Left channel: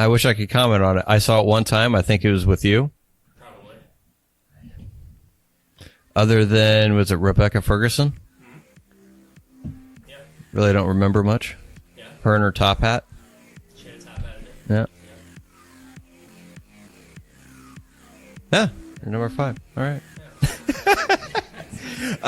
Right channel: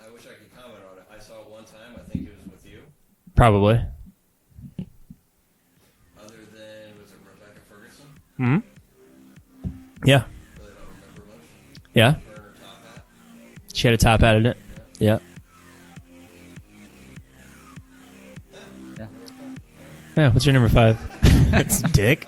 I wish I could comment on it. I saw it one time. I think it was with you. Probably. Other than, was it Rebecca Ferguson? Mm-hmm. Yeah. Really don't remember much. Yeah. Her and her top hat. She had a top hat in it. Yeah. Yeah. Yeah. Number 5. All right. Yeah. What's your number 5? That's dick.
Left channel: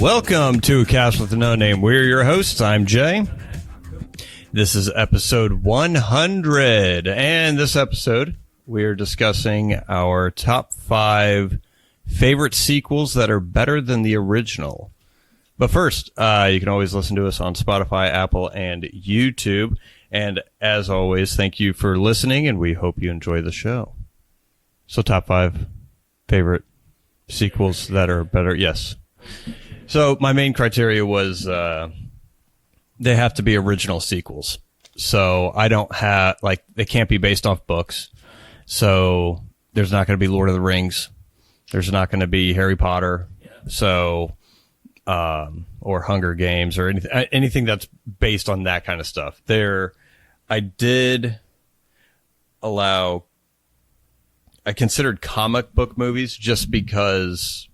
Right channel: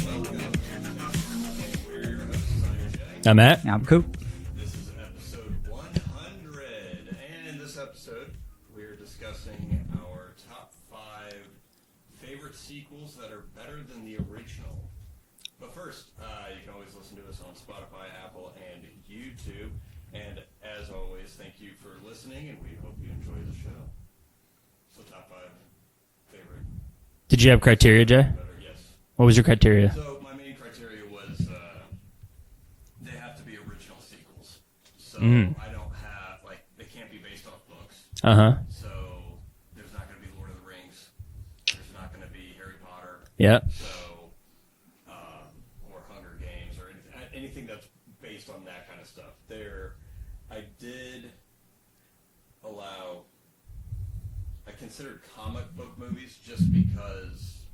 Welcome to Cast with No Name. We're your hosts. I'm Jay. I'm Matt. I'm cool. This is episode 100. And this episode, we are discussing our top 5 favorite sequels that are better than the original. But first, you can always listen to us on Spotify, Apple, and YouTube. And as always, thank you for listening, and we hope you enjoy the show. So, top 5 favorite Did you have sequels criteria, that are Jay? better. Yes. What was your criteria? So, my main criteria was they have to be original sequels. So, I don't have, like, they can't be based off books. Uh-huh. So, there's not going to be Lord of the Rings. There's not going to be Harry Potter. Yeah. So, or Hunger Games or anything that's based on that kind of stuff. I did allow, I considered comic book movies just because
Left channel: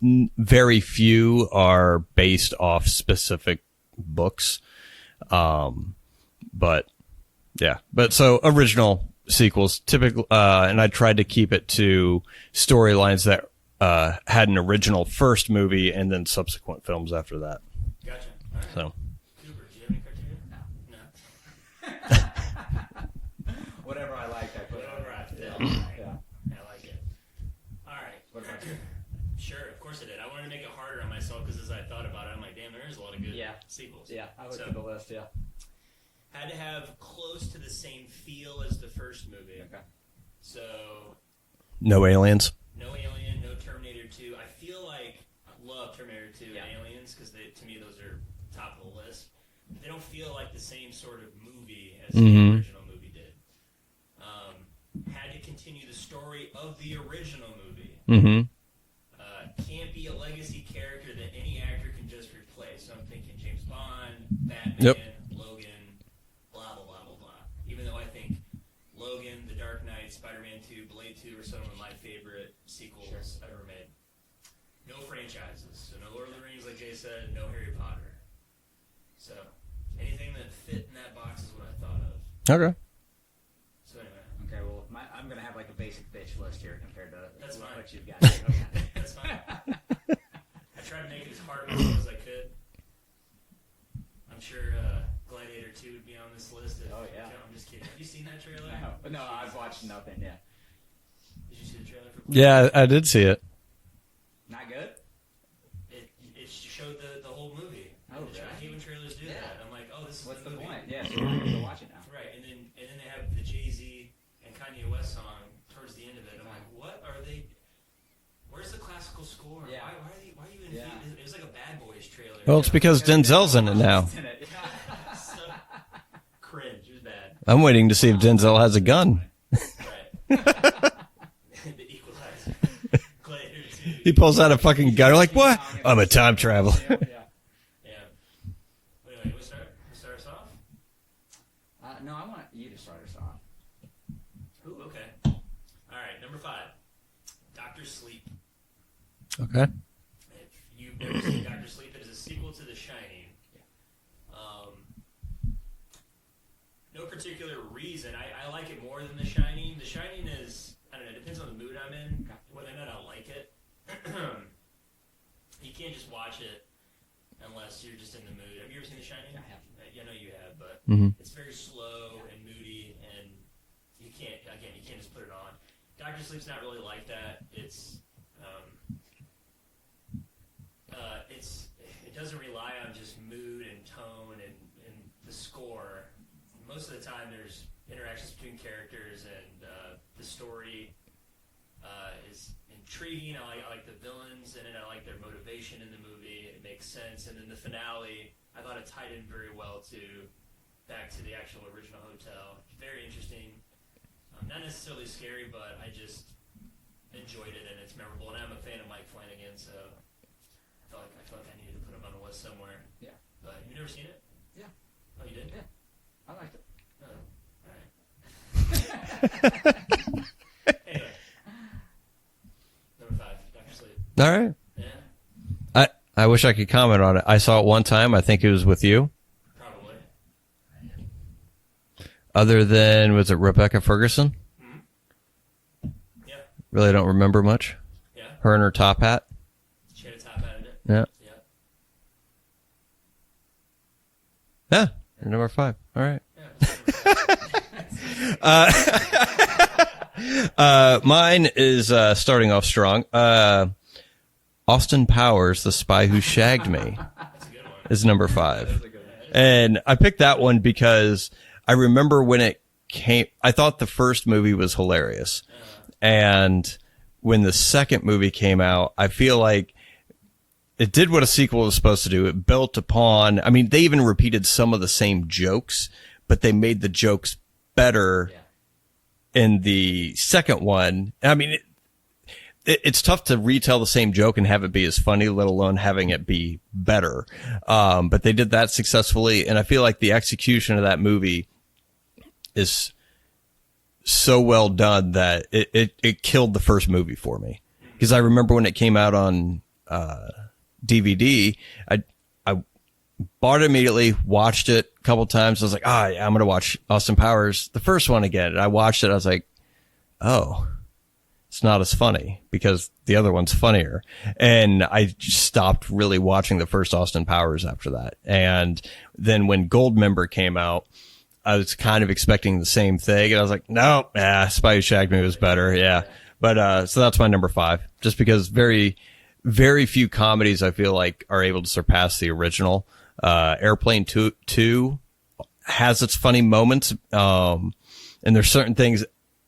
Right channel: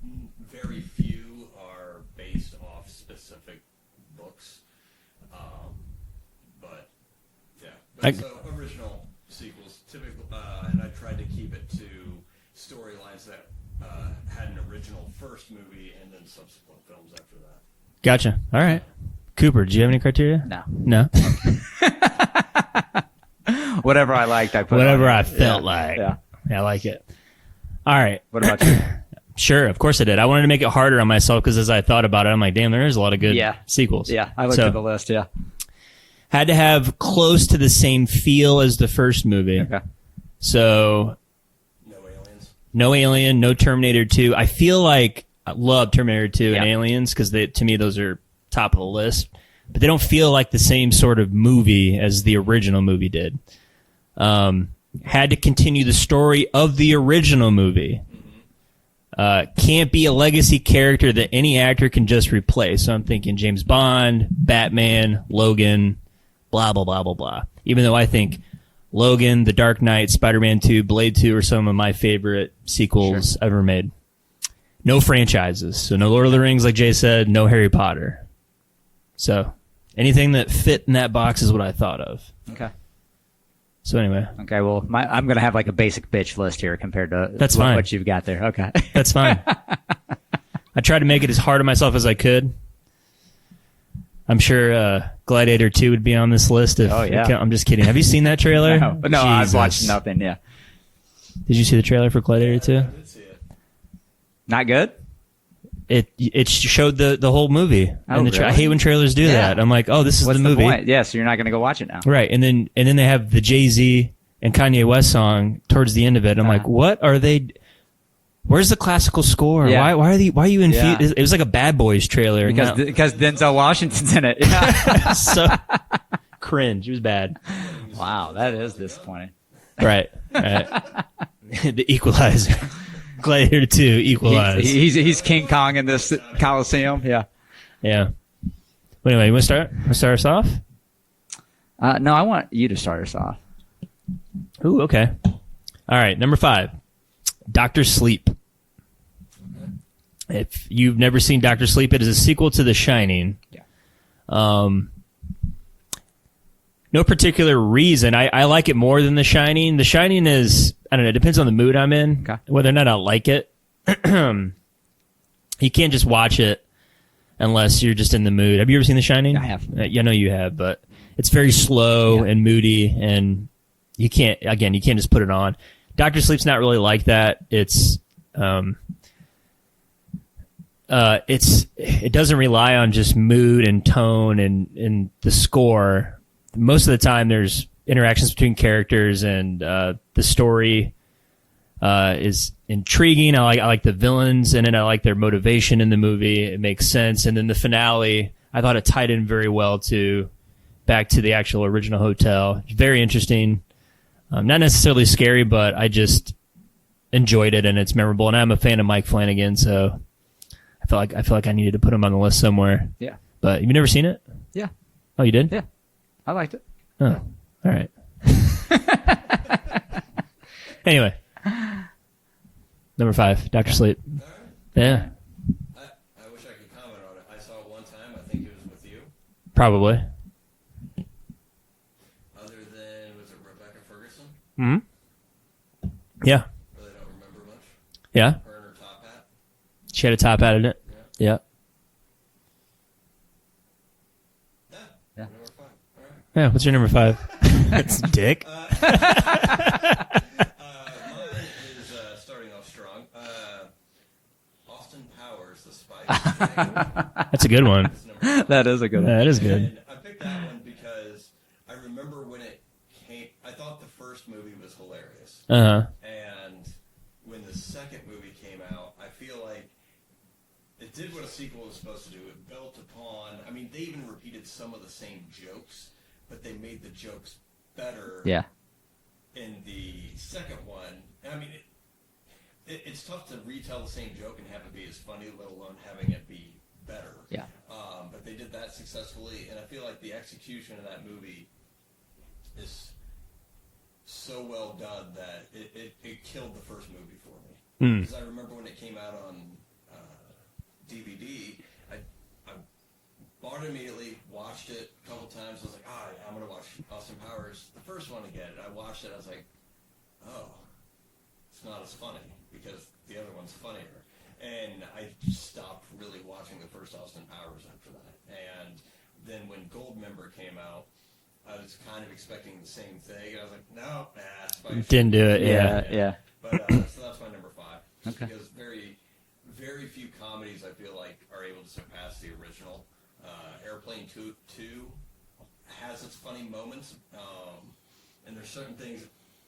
very few are based off specific books. But yeah, so original sequels typically, and I tried to keep it to storylines that had an original first movie and then subsequent films after that. Gotcha. All right. So. Cooper, do you have any criteria? No. No? Whatever I liked, I put Whatever on. I felt like. Yeah. Yeah, I like it. All right. What about you? Sure, of course I did. I wanted to make it harder on myself because as I thought about it, I'm like, damn, there is a lot of good sequels. Yeah, I looked at the list, yeah. Had to have close to the same feel as the first movie. Okay. So, No aliens. no Alien, no Terminator 2. I feel like I love Terminator 2 and Yeah. Aliens because to me those are top of the list. But they don't feel like the same sort of movie as the original movie did. Had to continue the story of the original movie. Can't be a legacy character that any actor can just replace. So I'm thinking James Bond, Batman, Logan, blah, blah, blah, blah, blah. Even though I think Logan, The Dark Knight, Spider-Man 2, Blade 2 are some of my favorite sequels ever made. No franchises. So no Lord of the Rings, like Jay said, no Harry Potter. So anything that fit in that box is what I thought of. Okay. So anyway, Okay, well, I'm going to have like a basic bitch list here compared to That's fine. what you've got there. Okay. that's fine. I tried to make it as hard on myself as I could. I'm sure Gladiator 2 would be on this list. If Oh, yeah. I'm just kidding. Have you seen that trailer? No, I've Jesus. watched nothing, yeah. Did you see the trailer for Gladiator 2? Yeah, I did see it. Not good? It showed the whole movie. Oh, And I really? hate when trailers do Yeah. that. I'm like, oh, this is What's the movie. point? Yeah, so you're not going to go watch it now. Right. And then they have the Jay-Z and Kanye West song towards the end of it. I'm like, what are they... Where's the classical score? Yeah. Why are you infused? Yeah. It was like a Bad Boys trailer. Well, it's because Denzel's in it now. Washington's in it. Yeah. So cringe. It was bad. I'm waiting to see Wow, if Denzel that has a is gun. disappointing. Right. The Equalizer. Gladiator 2. pulls out a Equalizer. fucking- He's You're like, King what? Kong in Oh, this a time travel. Coliseum. Yeah. Yeah. But anyway, you want to start us off? No, I want you to start us off. Ooh, okay. All right, number 5. Dr. Sleep. Okay. If you've never seen Dr. Sleep, it is a sequel to The Shining. Yeah. No particular reason. I like it more than The Shining. The Shining is, I don't know, it depends on the mood I'm in, Okay. whether or not I like it. You can't just watch it unless you're just in the mood. Have you ever seen The Shining? I have. I know you have, but it's very slow and moody, and you can't just put it on. Dr. Sleep's not really like that. It doesn't rely on just mood and tone and the score. Most of the time, there's interactions between characters, and the story is intriguing. I like the villains in it. I like their motivation in the movie. It makes sense. And then the finale, I thought it tied in very well back to the actual original hotel. Very interesting. Not necessarily scary, but I just enjoyed it, and it's memorable. And I'm a fan of Mike Flanagan, so I I feel like I needed to put him on the list somewhere. Yeah. But you've never seen it? Yeah. Oh, you did? Yeah. I liked it. Oh, all right. Anyway, number 5, Dr. Sleep. All right. Yeah, I wish I could comment on it. I saw it one time. I think it was with you. probably. Other than, was it Rebecca Ferguson? Yeah, Really don't remember much. yeah. Her and her top hat. She had a top hat in it. Yeah. Yeah, Yeah. Number 5. All right. yeah. What's your number 5? That's Dick. Mine is starting off strong. Austin Powers, The Spy Who Shagged Me, That's a good one. is number 5. is a good That is good. And I picked that one because I remember when it came, I thought the first movie was hilarious. Uh-huh. And when the second movie came out, I feel like it did what a sequel was supposed to do. It built upon, I mean, they even repeated some of the same jokes, but they made the jokes better Yeah. in the second one. I mean, it's tough to retell the same joke and have it be as funny, let alone having it be better. Yeah. But they did that successfully, and I feel like the execution of that movie is so well done that it killed the first movie for me. Because I remember when it came out on DVD, I bought it immediately, watched it a couple times. I was like, yeah, I'm going to watch Austin Powers, the first one again. And I watched it. I was like, oh, it's not as funny because the other one's funnier. And I just stopped really watching the first Austin Powers after that. And then when Goldmember came out, I was kind of expecting the same thing. And I was like, no, Spy Who Shagged Me Didn't do was it, better. yeah. Yeah. But so that's my number 5, just because very, very few comedies I feel like are able to surpass the original. Airplane 2 has its funny moments. And there's certain things,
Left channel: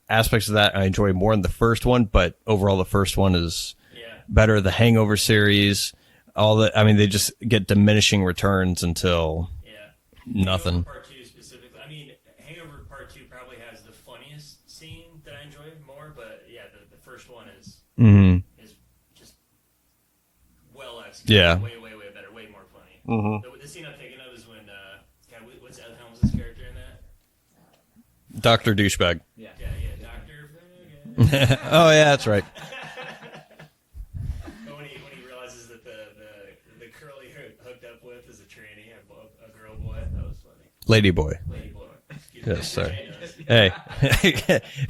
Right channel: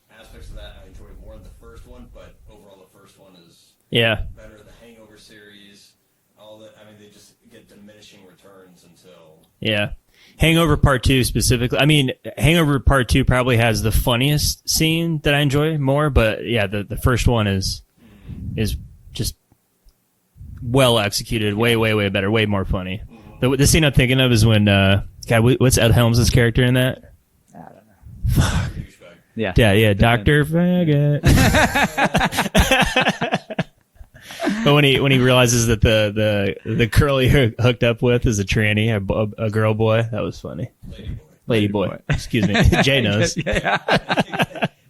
aspects of that I enjoy more than the first one, but overall the first one is Yeah. better. The Hangover series, they just get diminishing returns until Yeah. Hangover Part 2 specifically. I mean, Hangover Part 2 probably has the funniest scene that I enjoy more, but yeah, the first one is just well executed. Yeah. Way, way, way better. Way more funny. The scene I'm thinking of is when, what's Ed Helms' character in that? Dr. Douchebag. Yeah. Yeah, Dr. Faggot. Oh, yeah, that's right. But when he realizes that the girl he hooked up with is a tranny, a girl boy, that was funny. Lady Boy. Lady boy. Excuse me. Jay knows. Hey,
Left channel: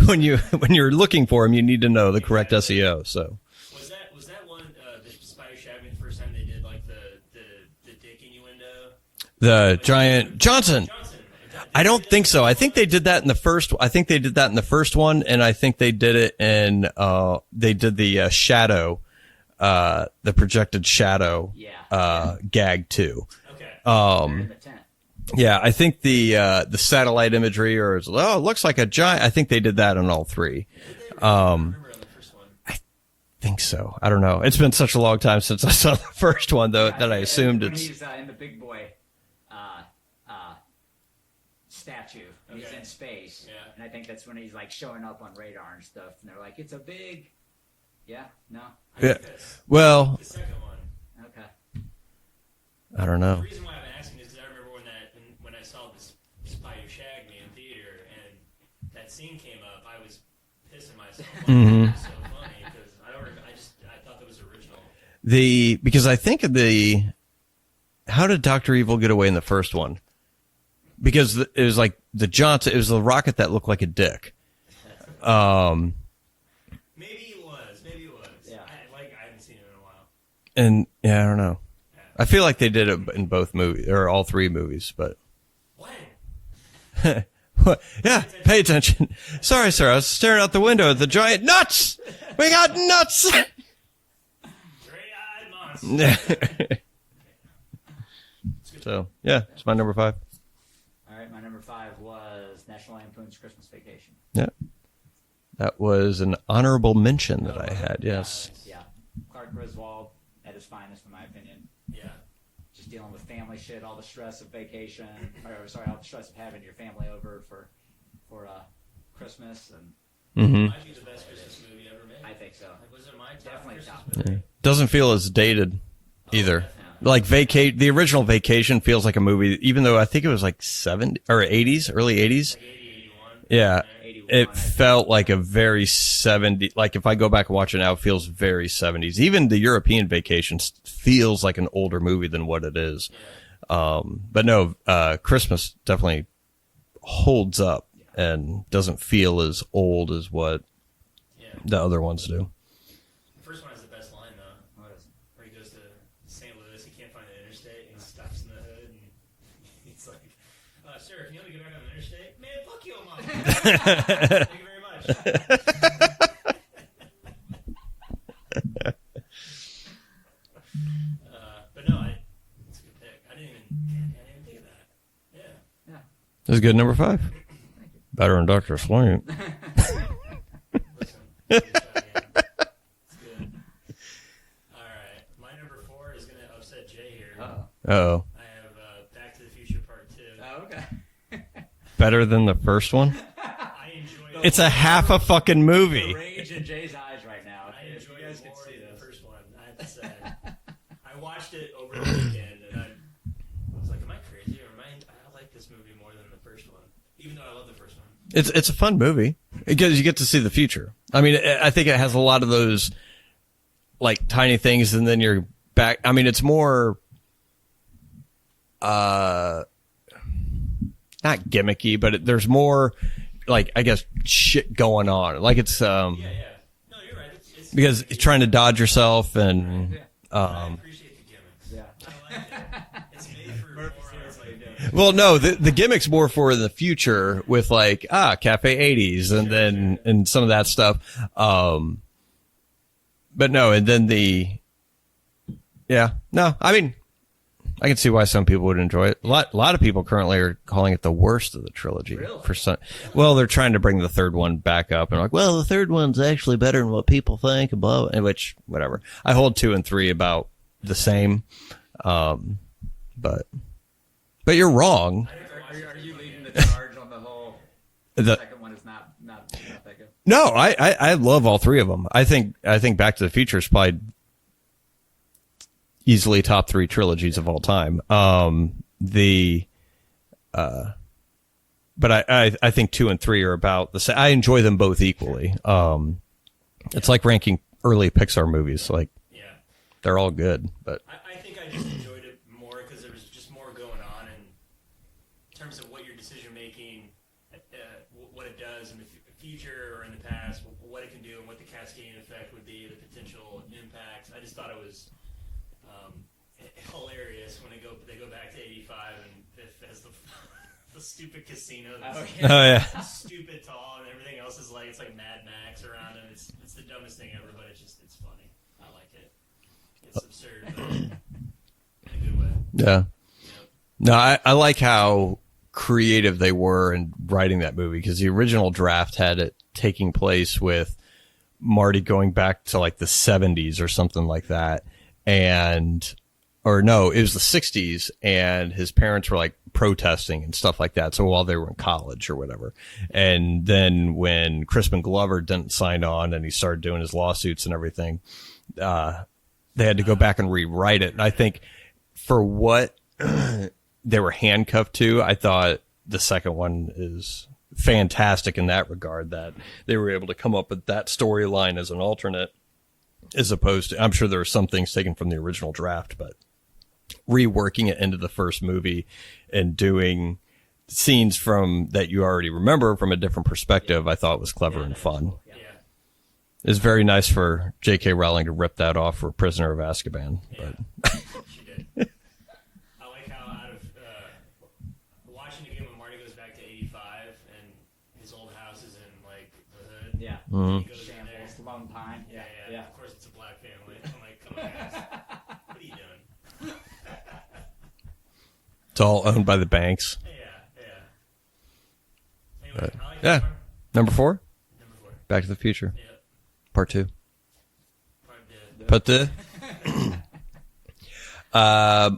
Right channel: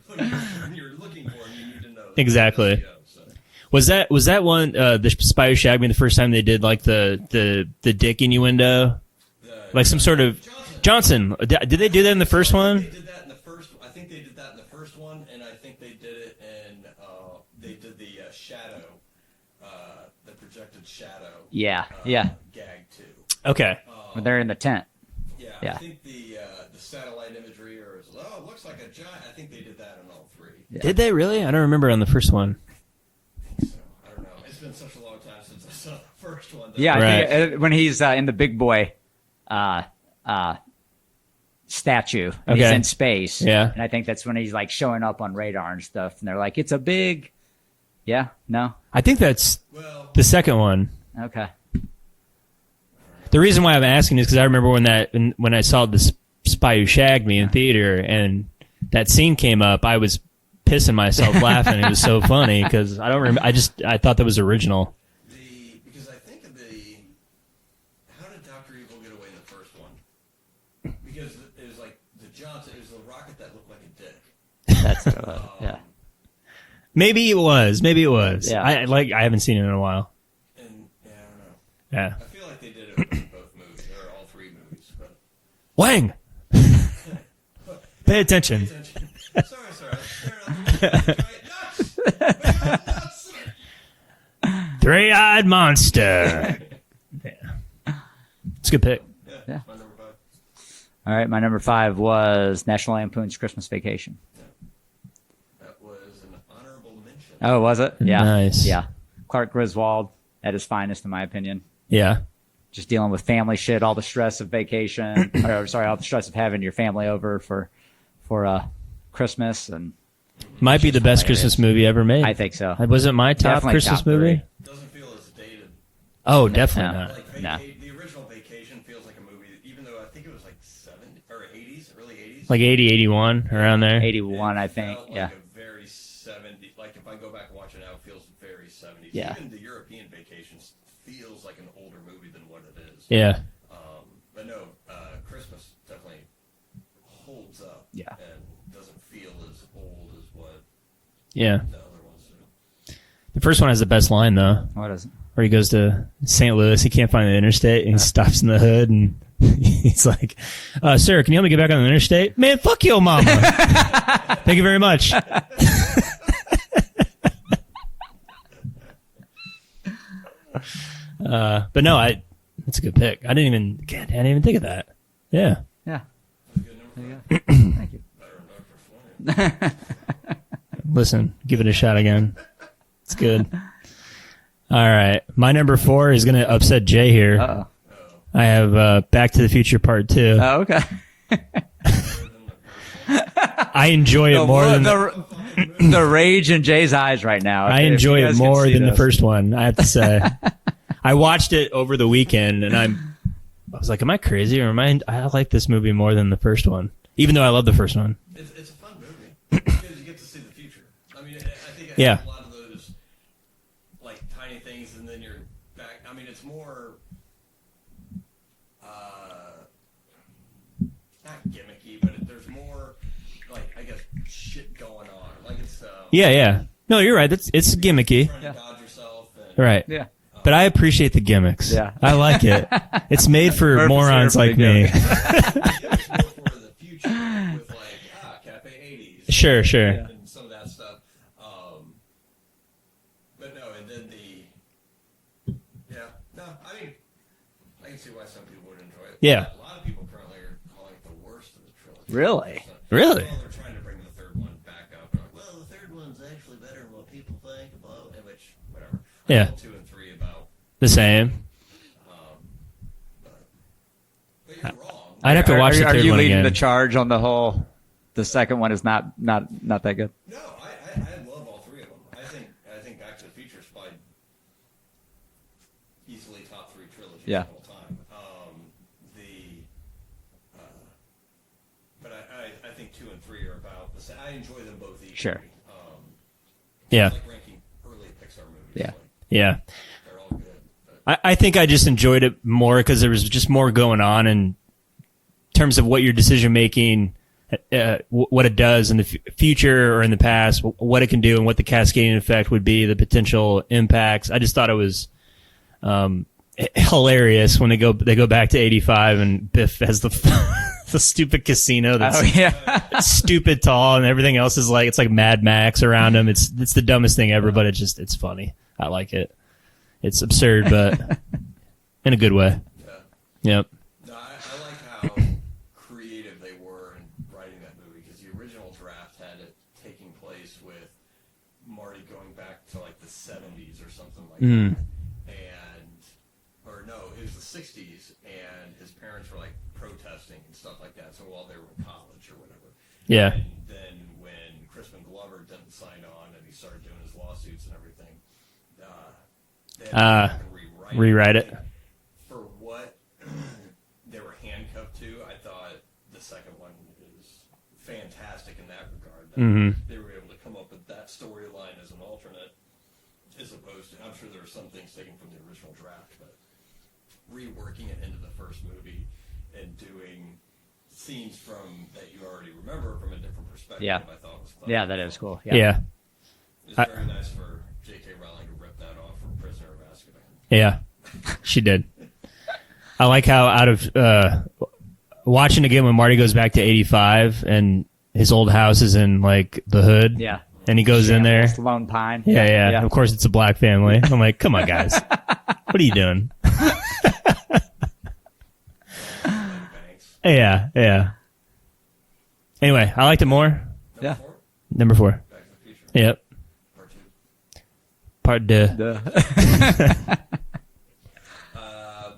when you're looking for him, you need to know the correct Exactly. SEO. So Was that one the Spy Who Shagged Me the first time they did like the dick innuendo? the Like some giant sort of Johnson. Did they I don't do that in think the so. first I one? think they did that in the first. I think they did that in the first one, and I think they did it in. They did the shadow, the projected shadow. Yeah. Gag too. Okay. They're in the tent. Yeah, I think the satellite imagery or it looks like a giant. I think they did that in all 3. Did they really? I don't remember on the first one. I think so. I don't know. It's been such a long time since I saw the first one, though. Yeah, that I I think, assumed when it's- he's in the big boy statue, and he's Okay. in space. Yeah. And I think that's when he's like showing up on radar and stuff, and they're like, "It's a big." Yeah. No. I think that's well, the second one. Okay. I don't know. The reason why I'm asking is because I remember when I saw the Spy Who Shagged Me in theater and that scene came up, I was pissing myself laughing. It was so funny because I don't remember. I thought that was original. Because I think how did Dr. Evil get away in the first one? Because it was like it was the rocket that looked like a dick. Maybe it was. Yeah. I haven't seen it in a while. And yeah, I don't know. Yeah. I feel like they did it in both movies or all 3 movies, but Wang. Yeah, attention. Pay attention. Sorry, sir. I was staring out the window at the giant nuts. We got nuts. 3-eyed monster. It's a good pick. Yeah, it's my number 5. All right. My number 5 was National Lampoon's Christmas Vacation. Yeah, that was an honorable mention. Oh, was it? Yeah. Nice. Yeah. Clark Griswold at his finest, in my opinion. Yeah. Just dealing with family shit, all the stress of vacation, all the stress of having your family over for Christmas, and Might be the best hilarious. Christmas movie ever made. I think so. It wasn't my top Definitely Christmas top movie. 3. Doesn't feel as dated Oh, either. definitely not. Like the original Vacation feels like a movie, even though I think it was like 70 or 80s, early 80s. Like 80, 81, Yeah. around there. 81, It I think. felt like Yeah. a very 70. Like if I go back and watch it now, it feels very 70s. Even the European Vacation feels like an older movie than what it is. Yeah. But no, Christmas definitely holds up Yeah. and doesn't feel as old as what Yeah. the other ones do. The first one has the best line, though, What is it? where he goes to St. Louis. He can't find the interstate, and he stops in the hood, and he's like, sir, can you help me get back on the interstate? Man, fuck your mama. Thank you very much. But no, that's a good pick. I didn't even think of that. Yeah. Yeah. This is good number 5. Thank you. Better than Dr. Sleep. Listen, give it a shot again. It's good. All right. My number 4 is going to upset Jay here. Uh-oh. Uh-oh. I have Back to the Future Part 2. Oh, okay. Better than the first one? I enjoy it It's more like than half a fucking movie. The rage in Jay's eyes right now. I If enjoy you it guys can more see than the this. first one, I have to say. I watched it over the weekend, and I was like, am I crazy, or I like this movie more than the first one, even though I love the first one. It's a fun movie because you get to see the future. I mean, I think it has Yeah. a lot of those like tiny things, and then you're back. I mean, it's more not gimmicky, but there's more like I guess shit going on. Like it's Yeah. No, you're right. It's because gimmicky, trying to dodge yourself and right? Yeah. But I appreciate the gimmicks. Yeah. I like it. It's made for Purpose morons here for like the me. gimmick. Well, no, the gimmick's more for the future with like Cafe 80s, and Sure, then- sure. and some of that stuff. But no, and then I mean, I can see why some people would enjoy it. Yeah. A lot of people currently are calling it the worst of the trilogy. Really? Really? Well, they're trying to bring the third one back up, and like, well, the third one's actually better than what people think, and blah, and which whatever. I Yeah. hold 2 and 3 about The same. But you're wrong. I'd have to watch the Are third you one leading again. the charge on the whole? The Is that- second one is not that good. No, I love all 3 of them. I think Back to the Future is probably easily top 3 trilogies Yeah. of all time. But I think 2 and 3 are about the same. I enjoy them both equally. Yeah. It's like ranking early Pixar movies. Yeah. Like Yeah. they're all good, but I think I just enjoyed it more because there was just more going on in terms of what your decision making, what it does in the future or in the past, what it can do, and what the cascading effect would be, the potential impacts. I just thought it was hilarious when they go back to 85 and Biff has the the stupid casino that's Oh, yeah. stupid tall and everything else is like it's like Mad Max around him. It's the dumbest thing ever, but it's funny. I like it. It's absurd, but in a good way. yeah. Yep. No, I like how creative they were in writing that movie because the original draft had it taking place with Marty going back to like the 70s or something like that. Or no, it was the 60s and his parents were like protesting and stuff like that. So while they were in college or whatever. Yeah. And then when Crispin Glover didn't sign on and he started doing his lawsuits and everything, they had to go back and rewrite it. I think for what they were handcuffed to, I thought the second one is fantastic in that regard, that they were able to come up with that storyline as an alternate, as opposed to, I'm sure there are some things taken from the original draft, but reworking it into the first movie and doing scenes from that you already remember from a different perspective, Yeah. I thought was clever Yeah, and that fun. is cool. Yeah. It's very nice for J.K. Rowling to rip that off for Prisoner of Azkaban. Yeah. She did. I like how out of watching again when Marty goes back to 85 and his old house is in like the hood. Yeah. And he goes in there. It's Lone Pine. Yeah. Of course, it's a black family. I'm like, come on, guys. What are you doing? It's all owned by the banks. Yeah. Anyway, I liked it Yeah. more. Number 4, Number 4. Back to the Future, Yep. Part 2. Part 2. But the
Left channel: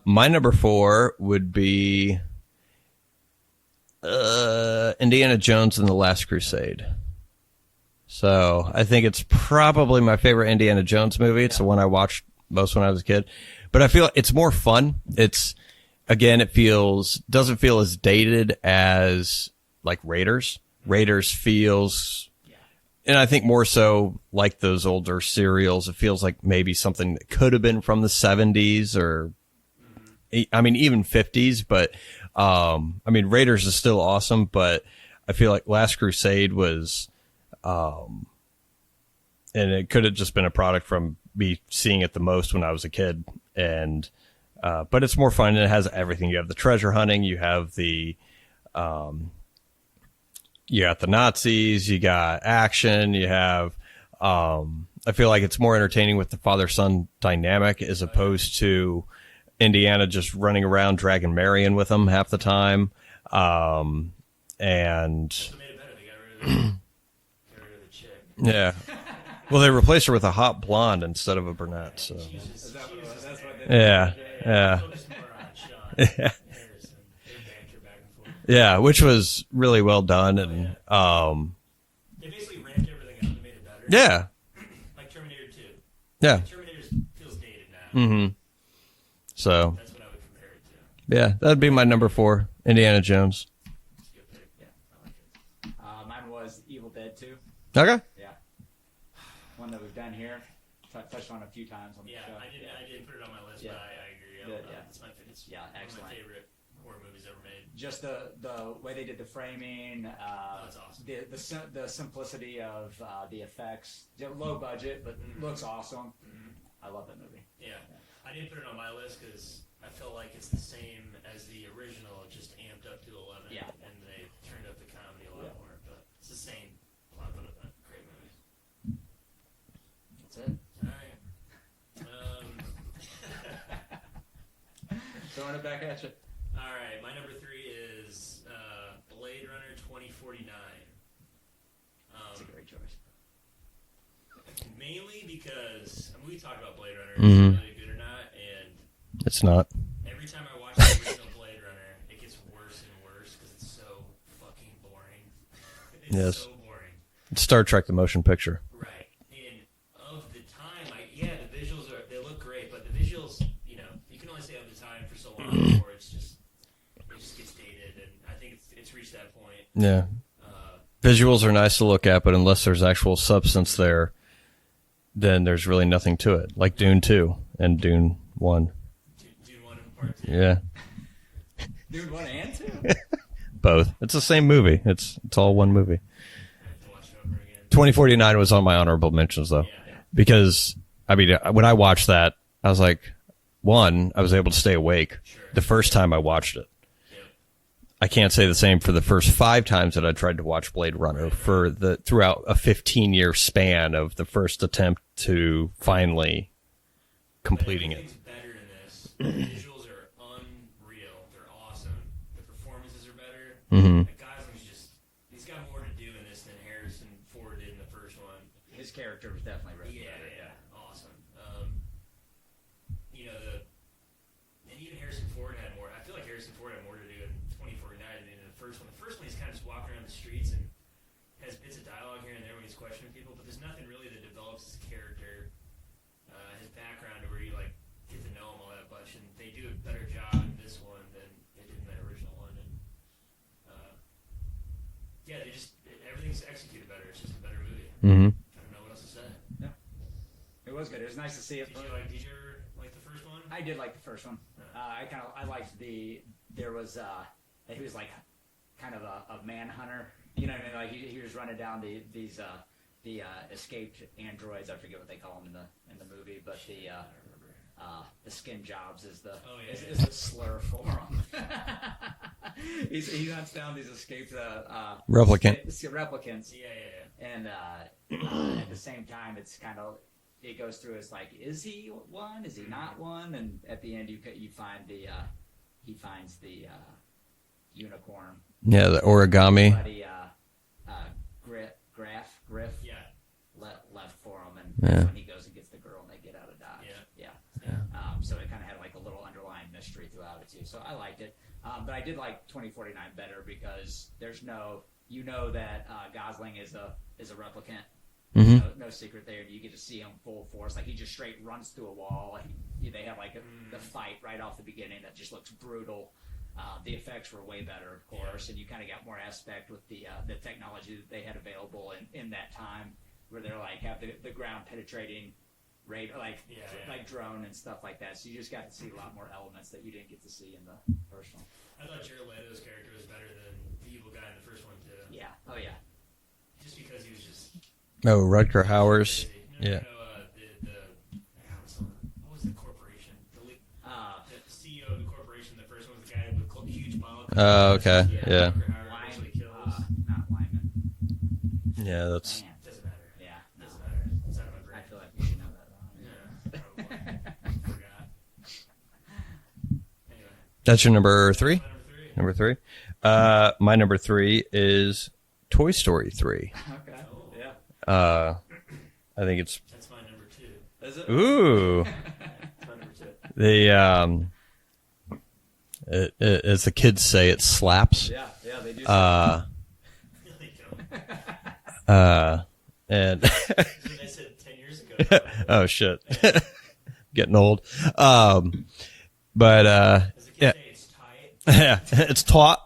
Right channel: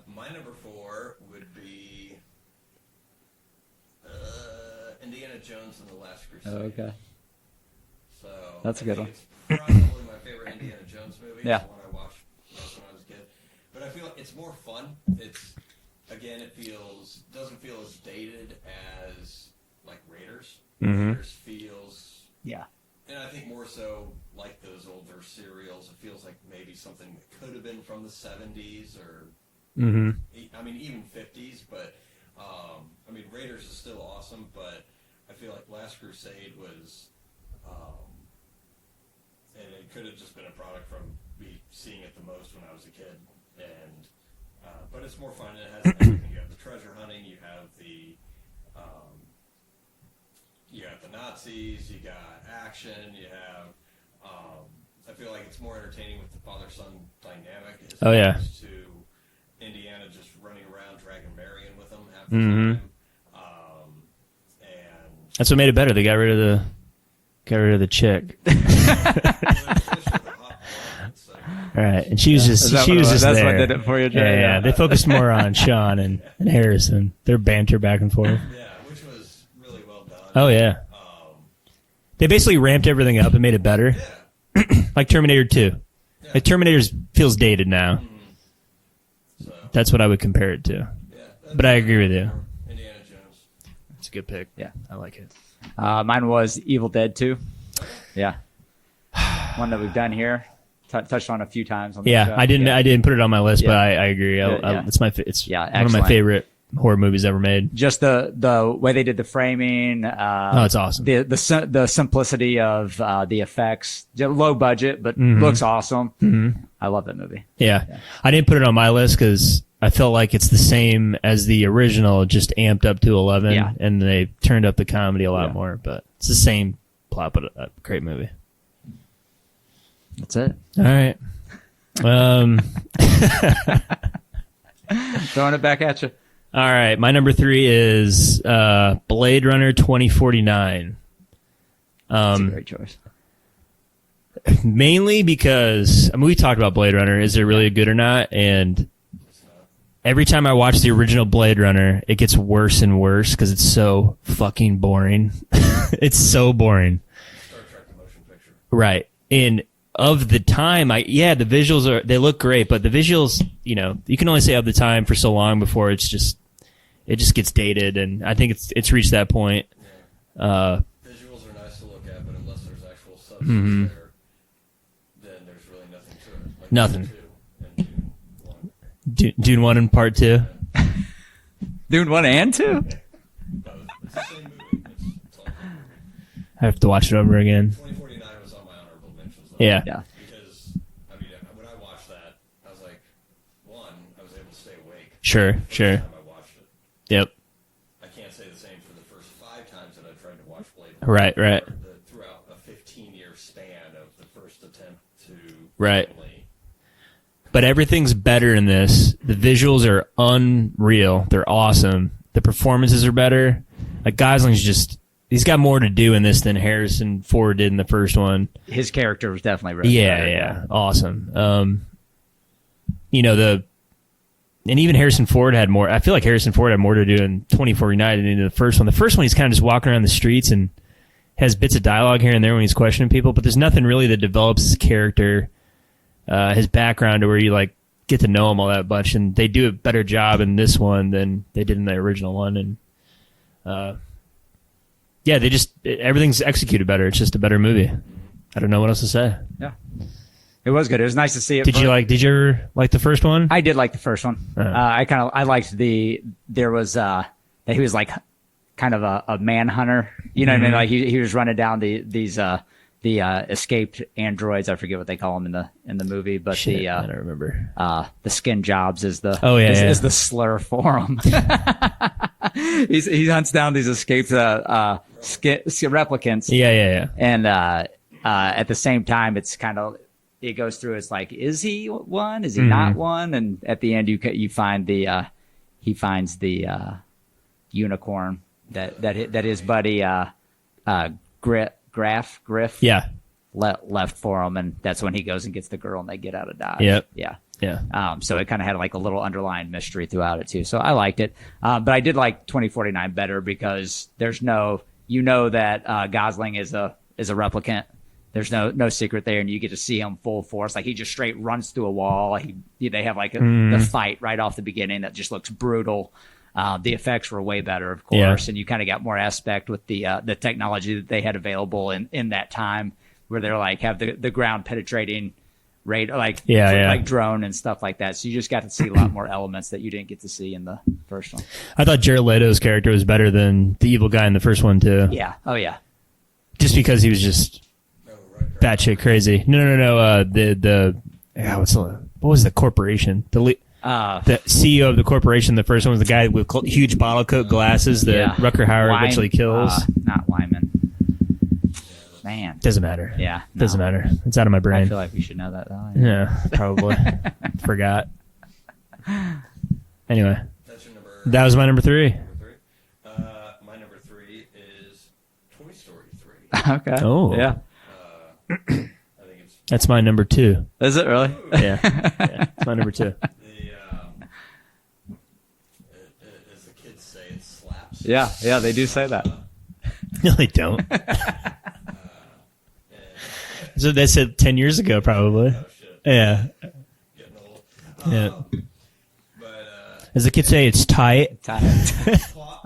my number 4 would be Indiana Jones and the Last Crusade. Okay. So That's I a think good it's probably my favorite Indiana Jones movie. It's Yeah. the one I watched most when I was a kid. But I feel it's more fun. It's again, doesn't feel as dated as like Raiders. Raiders feels, Yeah. and I think more so like those older serials. It feels like maybe something that could have been from the 70s or, I mean, even 50s. But I mean, Raiders is still awesome, but I feel like Last Crusade was, and it could have just been a product from me seeing it the most when I was a kid. And but it's more fun, and it has everything. You have the treasure hunting, you have the you got the Nazis, you got action, you have I feel like it's more entertaining with the father-son dynamic as opposed to Indiana just running around dragging Marion with them half the time. And That's what made it better. They got rid of the chick. yeah. Well, they replaced her with a hot blonde instead of a brunette. Right, and she was just That's there. what they did for it. Yeah. They focused more on Sean and Harrison. Their banter back and forth. Yeah, which was really well done. Oh yeah. They basically ramped everything up and made it better. Yeah. Like Terminator 2. Yeah. Like Terminator feels dated now. So That's what I would compare it to. yeah, that'd But be I my agree number with you. 4, Indiana Jones. It's a good pick. Yeah. I like it. Mine was Evil Dead 2. Okay. Yeah. One that we've done here. Touched on a few times on the Yeah, show. I didn't put it on my list, but Yeah. I agree. Yeah. It's it's Yeah, one of my excellent. favorite horror movies ever made. Just the way they did the framing. Oh, it's awesome. The simplicity of the effects. Low budget, but looks awesome. I love that movie. Yeah. I didn't put it on my list because I felt like it's the same as the original, just amped up to 11, Yeah. and they turned up the comedy a lot Yeah. more. But it's the same plot, but a great movie. That's it. All right. Throwing it back at you. All right. My number 3 is Blade Runner 2049. That's a great choice. Mainly because we talked about Blade Runner. Is it really good or not? And It's not. every time I watch the original Blade Runner, it gets worse and worse because it's so fucking boring. It's so boring. It's Star Trek: The Motion Picture. Right. And of the time, the visuals they look great, but the visuals, you can only say of the time for so long before it just gets dated, and I think it's reached that point. Yeah. Visuals are nice to look at, but unless there's actual substance there, then there's really nothing to it. Like Nothing. Dune 2 and Dune 1. Dune 1 and Part 2. Yeah. Dune 1 and 2? Both. It's the same movie. It's all one movie. I have to watch it over again. 2049 was on my honorable mentions though. Yeah. Yeah. Because I mean, when I watched that, I was like, I was able to stay awake. Sure, The first sure. time I watched it. Yep. I can't say the same for the first 5 times that I tried to watch Blade Runner Right. throughout a 15-year span of the first attempt to Right. finally. But everything's better in this. The visuals are unreal. They're awesome. The performances are better. Like Gosling's he's got more to do in this than Harrison Ford did in the first one. His character was definitely really Yeah, better. yeah, awesome. And even Harrison Ford had more. I feel like Harrison Ford had more to do in 2049 than in the first one. The first one, he's kind of just walking around the streets and has bits of dialogue here and there when he's questioning people, but there's nothing really that develops his character, his background, to where you like get to know him all that much. And they do a better job in this one than they did in the original one. And yeah, everything's executed better. It's just a better movie. I don't know what else to say. Yeah. It was good. It was nice to see it. Did you ever like the first one? I did like the first one. I liked he was like kind of a manhunter. You know what I mean? Like he was running down these escaped androids. I forget what they call them in the movie, but Shit, I don't remember. the skin jobs is the is the slur for them. he hunts down these escaped replicants. Yeah. And at the same time, it's kind of, it goes through. It's like, is he one? Is he not one? And at the end, you find he finds the unicorn. Yeah, the that origami. His buddy Griff Yeah. left for him, and that's when he goes and gets the girl, and they get out of Dodge. Yep. Yeah. So it kind of had like a little underlying mystery throughout it too. So I liked it, but I did like 2049 better because there's that Gosling is a replicant, There's no secret there, and you get to see him full force. Like he just straight runs through a wall. They have like the fight right off the beginning that just looks brutal. The effects were way better, of course, and you kind of got more aspect with the technology that they had available in that time, where they're like have the ground penetrating rate, like like drone and stuff like that. So you just got to see a lot more elements that you didn't get to see in the first one. I thought Jared Leto's character was better than the evil guy in the first one too. Yeah. Oh yeah. Just because he was just Rutger batshit Hauer's. crazy. No. What was the corporation? The CEO of the corporation. The first one was the guy with huge bottle coat glasses okay. that Rutger Hauer eventually kills. Not Wyman. Yeah, that's Man. Doesn't matter. Yeah. Doesn't matter. It's out of my I brain. feel like we should know that though. Yeah, probably. Forgot. Anyway, that's your number. that three? was my number 3. Number 3. My number 3 is Toy Story 3. Okay. Oh. Yeah. I think it's That's my number 2. Is it really? Ooh. Yeah, it's my number 2. the as the kids say, it slaps. Yeah. Yeah. They do say that. No, they don't. And So they said 10 years ago, probably. oh shit, Yeah. getting old. But As the kids say, it's tight. it's taught.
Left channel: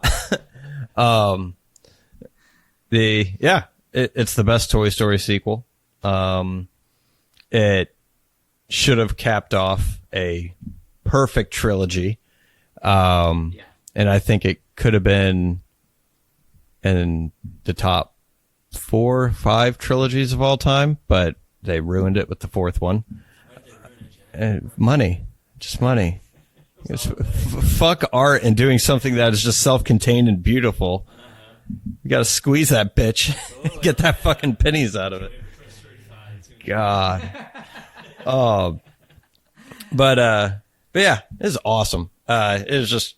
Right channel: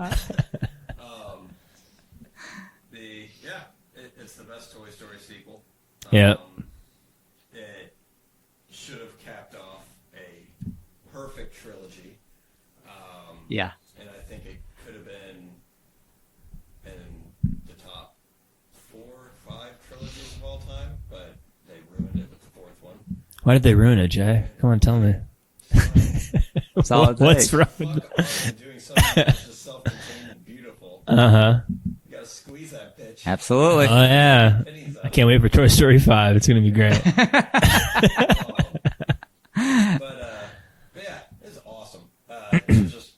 It's the best Toy Story sequel. It should have capped off a perfect trilogy. Yeah. And I think it could have been in the top 4, 5 trilogies of all time, but they ruined it with the 4th one. Why did they ruin it, Jay? Come on, tell Money. me. Just money. What's wrong? Fuck art and doing something that is just self-contained and beautiful. Uh-huh. You got to squeeze that bitch. Absolutely. Get Oh, that yeah. fucking pennies out of Can't it. wait for Toy Story 5. It's going to be great. God. But yeah, it was awesome. It was just,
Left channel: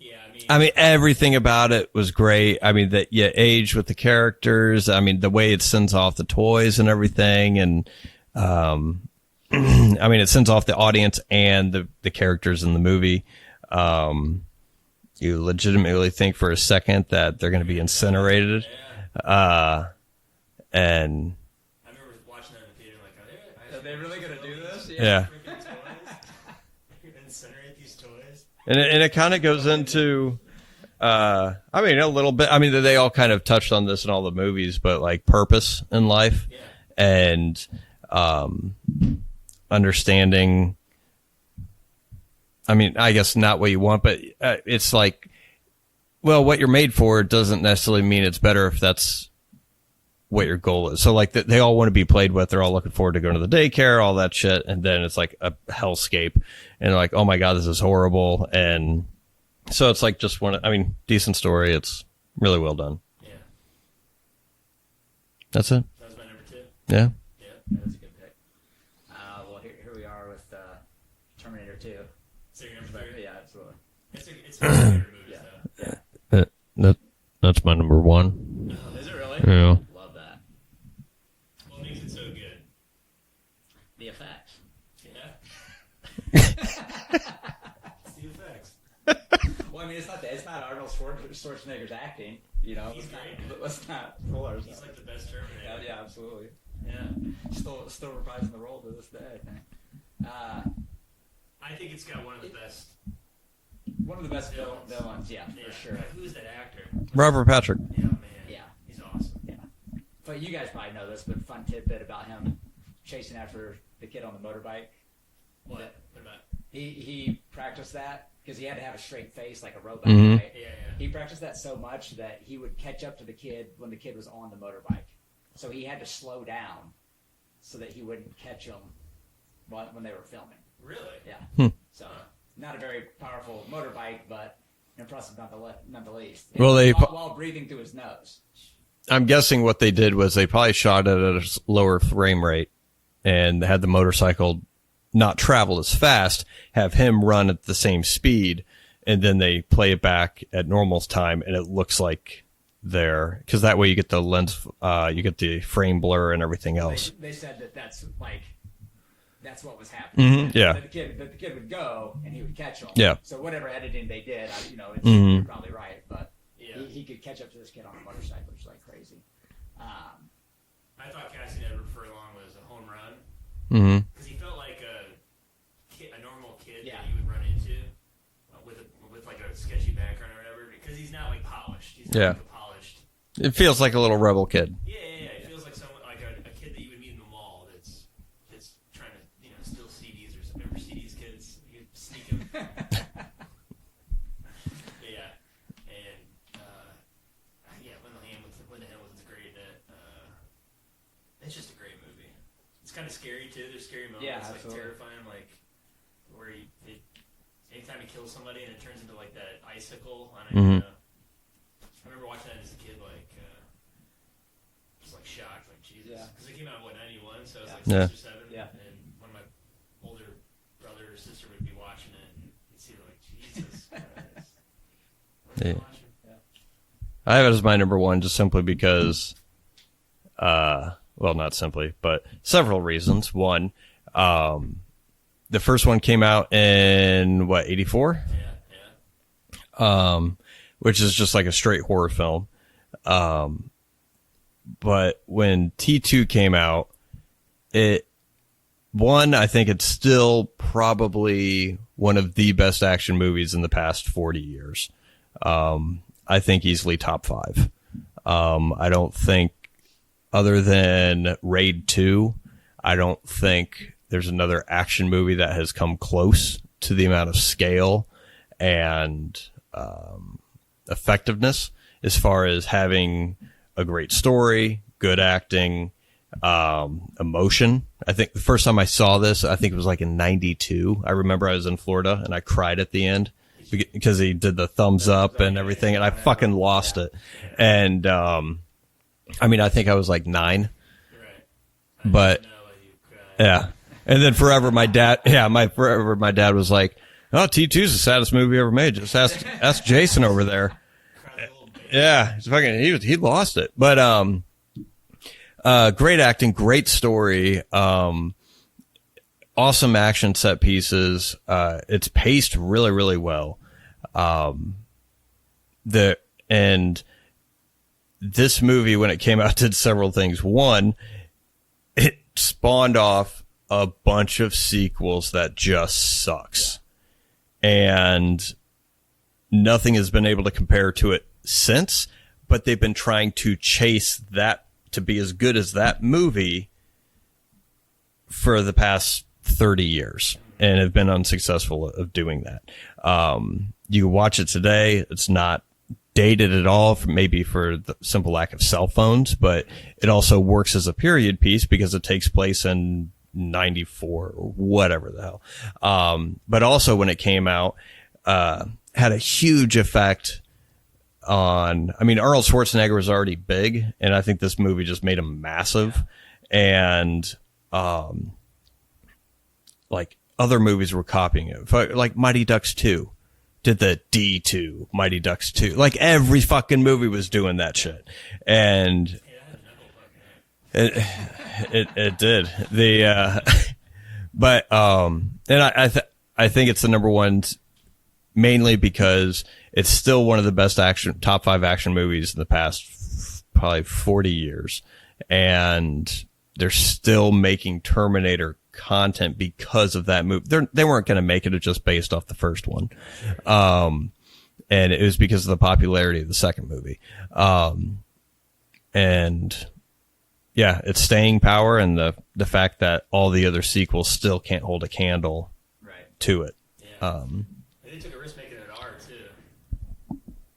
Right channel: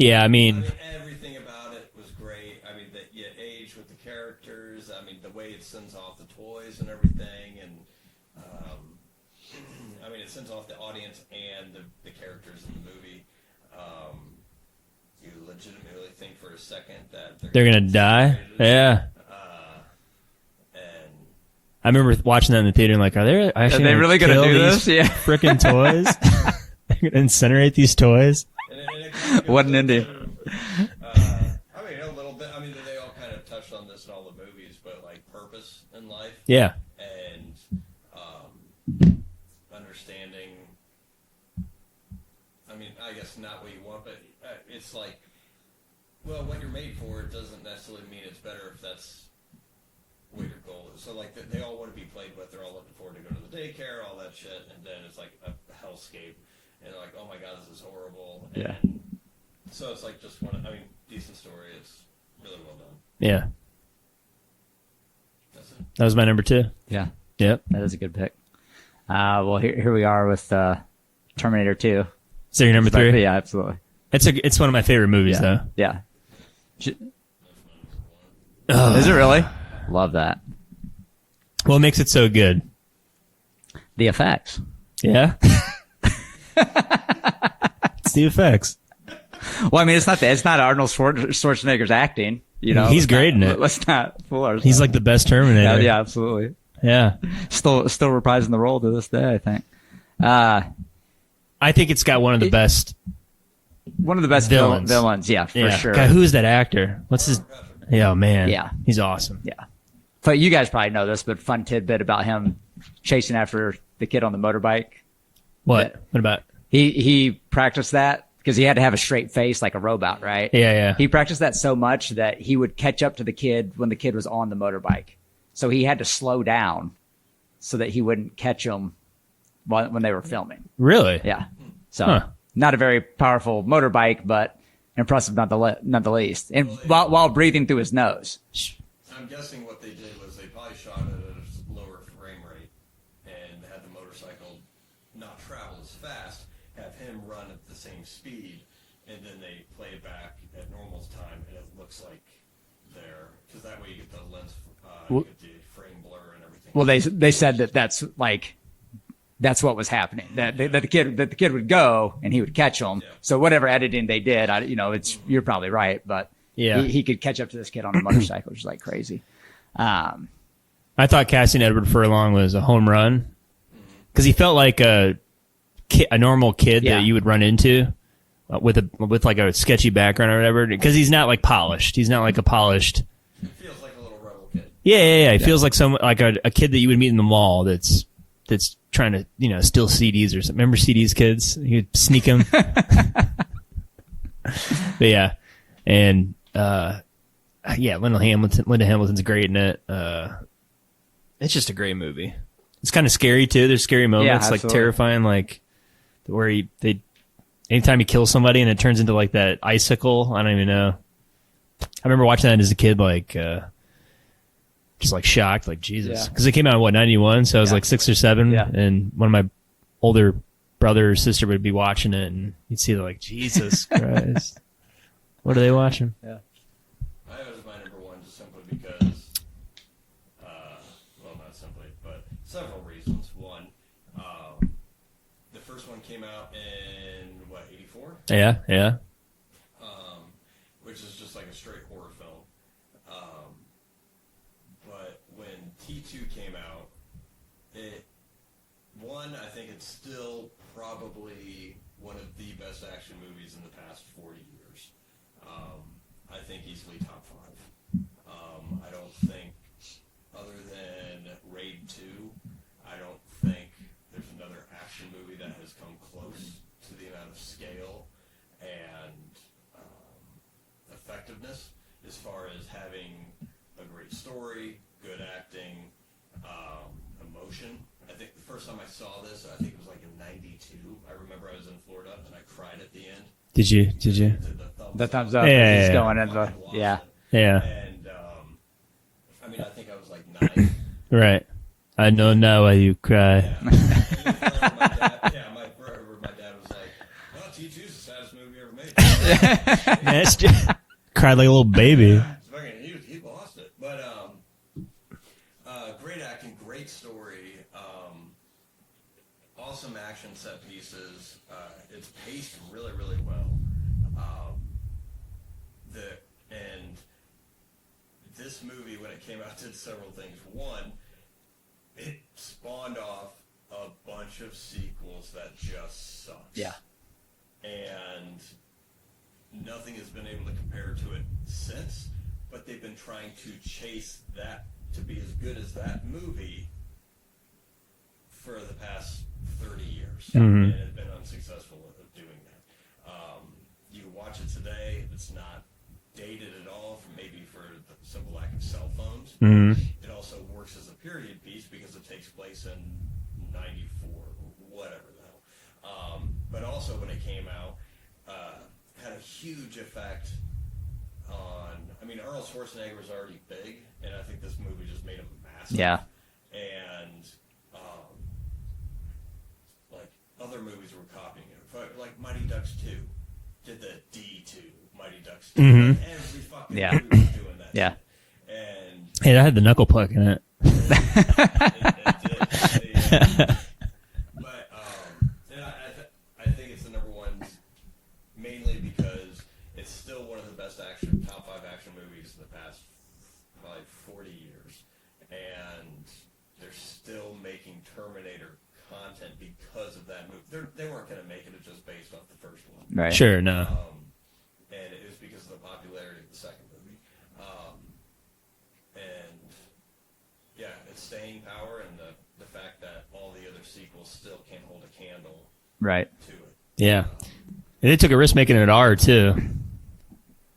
Yeah, I mean, everything about it was great. I mean, that you age with the characters. I mean, the way it sends off the toys and everything. And, I mean, it sends off the audience and the characters in the movie. You legitimately think for a second that they're going to be die. incinerated. Yeah. And I remember watching that in the theater and like, are they actually they really gonna kill do these this? Yeah. frickin' toys? They're going to incinerate these toys? And it kind of goes What an into, I mean, a little bit. I mean, they all kind of touched on this in all the movies, but like purpose in life Yeah. and understanding. I mean, I guess not what you want, but it's like, well, what you're made for doesn't necessarily mean it's better if that's what your goal is. So like they all want to be played with. They're all looking forward to going to the daycare, all that shit. And then it's like a hellscape and they're like, oh my God, this is horrible. And so it's like just decent story. It's really well done. Yeah. That's it. That was my number 2. Yeah. Yep. That is a good pick. Well, here we are with Terminator 2. So your number 3? Yeah, absolutely. It's one of my favorite movies, though. Yeah. That's my number 1. Is it really? Yeah. Love that. What makes it so good? The effects. Yeah. It's the effects. Well, I mean, it's not Arnold Schwarzenegger's acting. You know, He's great in it. Let's not fool ourselves. He's like the best Terminator. yeah, absolutely. Yeah. Still reprising the role to this day, I think. I think it's got one of the best. One of the best villains, yeah, for sure. God, who's that actor? What's Robert Patrick. Yeah, man. Yeah. He's awesome. Yeah. But you guys probably know this, but fun tidbit about him chasing after the kid on the motorbike. What? What about? He practiced that because he had to have a straight face like a robot, right? Yeah, yeah. He practiced that so much that he would catch up to the kid when the kid was on the motorbike. So he had to slow down so that he wouldn't catch him when they were filming. Really? Yeah. So not a very powerful motorbike, but impressive not the least. And while breathing through his nose. I'm guessing what they did was they probably shot it at a lower frame rate and had the motorcycle not travel as fast, have him run at the same speed, and then they play it back at normal time, and it looks like they're, because that way you get the lens, you get the frame blur and everything else. Well, they said that's what was happening. That the kid would go and he would catch him. Yeah. So whatever editing they did, you're probably right, but Yeah. he could catch up to this kid on a motorcycle, which is like crazy. I I thought casting Edward Furlong was a home run because he felt like a normal kid Yeah. that you would run into with like a sketchy background or whatever. Because he's not like polished. He's not Yeah. like a polished. It feels like a little rebel kid. Yeah. He feels like a kid that you would meet in the mall. That's trying to steal CDs or something. Remember CDs, kids? You'd sneak them. But yeah, and Linda Hamilton's great in it. It's just a great movie. It's kind of scary too. There's scary moments, like absolutely. terrifying, like where anytime he kills somebody and it turns into like that icicle. I don't even know. I remember watching that as a kid, like just like shocked, like Jesus, because it came out in 91, so I was like 6 or 7, and one of my older brother or sister would be watching it, and you'd see like Jesus Christ, what are they watching? I have it as my number one just simply because, well, not simply, but several reasons. One, the first one came out in, 84? Yeah. Which is just like a straight horror film. But when T2 came out, I think it's still probably one of the best action movies in the past 40 years. I think easily top 5. I don't think, other than Raid 2, I don't think there's another action movie that has come close to the amount of scale and effectiveness as far as having a great story, good acting, emotion. I think the first time I saw this, I think it was like in 92. I remember I was in Florida and I cried at the end. Did you? Because he did the thumbs up and Yeah, everything. yeah. And I fucking lost it. Yeah. And I mean, I think I was like 9. Right. I But- don't know why you cry. Yeah. And then forever my dad was like, "Oh, T2's the saddest movie ever made. Just ask Jason over there." Cried like a little baby. Yeah. It's fucking he lost it. But great acting, great story, awesome action set pieces. It's paced really, really well. This movie, when it came out, did several things. One, it spawned off a bunch of sequels that just sucks. And nothing has been able to compare to it since, but they've been trying to chase that to be as good as that movie for the past 30 years and have been unsuccessful of doing that. You watch it today, it's not dated at all, maybe for the simple lack of cell phones, but it also works as a period piece because it takes place in 94 or whatever the hell. But also when it came out, had a huge effect on, I mean, Arnold Schwarzenegger was already big, and I think this movie just made him massive. Yeah. And like other movies were copying it. Like Mighty Ducks 2 did the D2, Mighty Ducks 2. Like every fucking movie was doing that shit. And Hey, I had the knuckle puck in it. it did. But and I think it's the number one mainly because it's still one of the best top 5 action movies in the past probably 40 years, and they're still making Terminator content because of that movie. They weren't going to make it just based off the first one, Right. Sure. No. and it was because of the popularity of the second movie. And yeah, it's staying power, and the fact that all the other sequels still can't hold a candle Right. to it. Yeah. And they took a risk making it R too.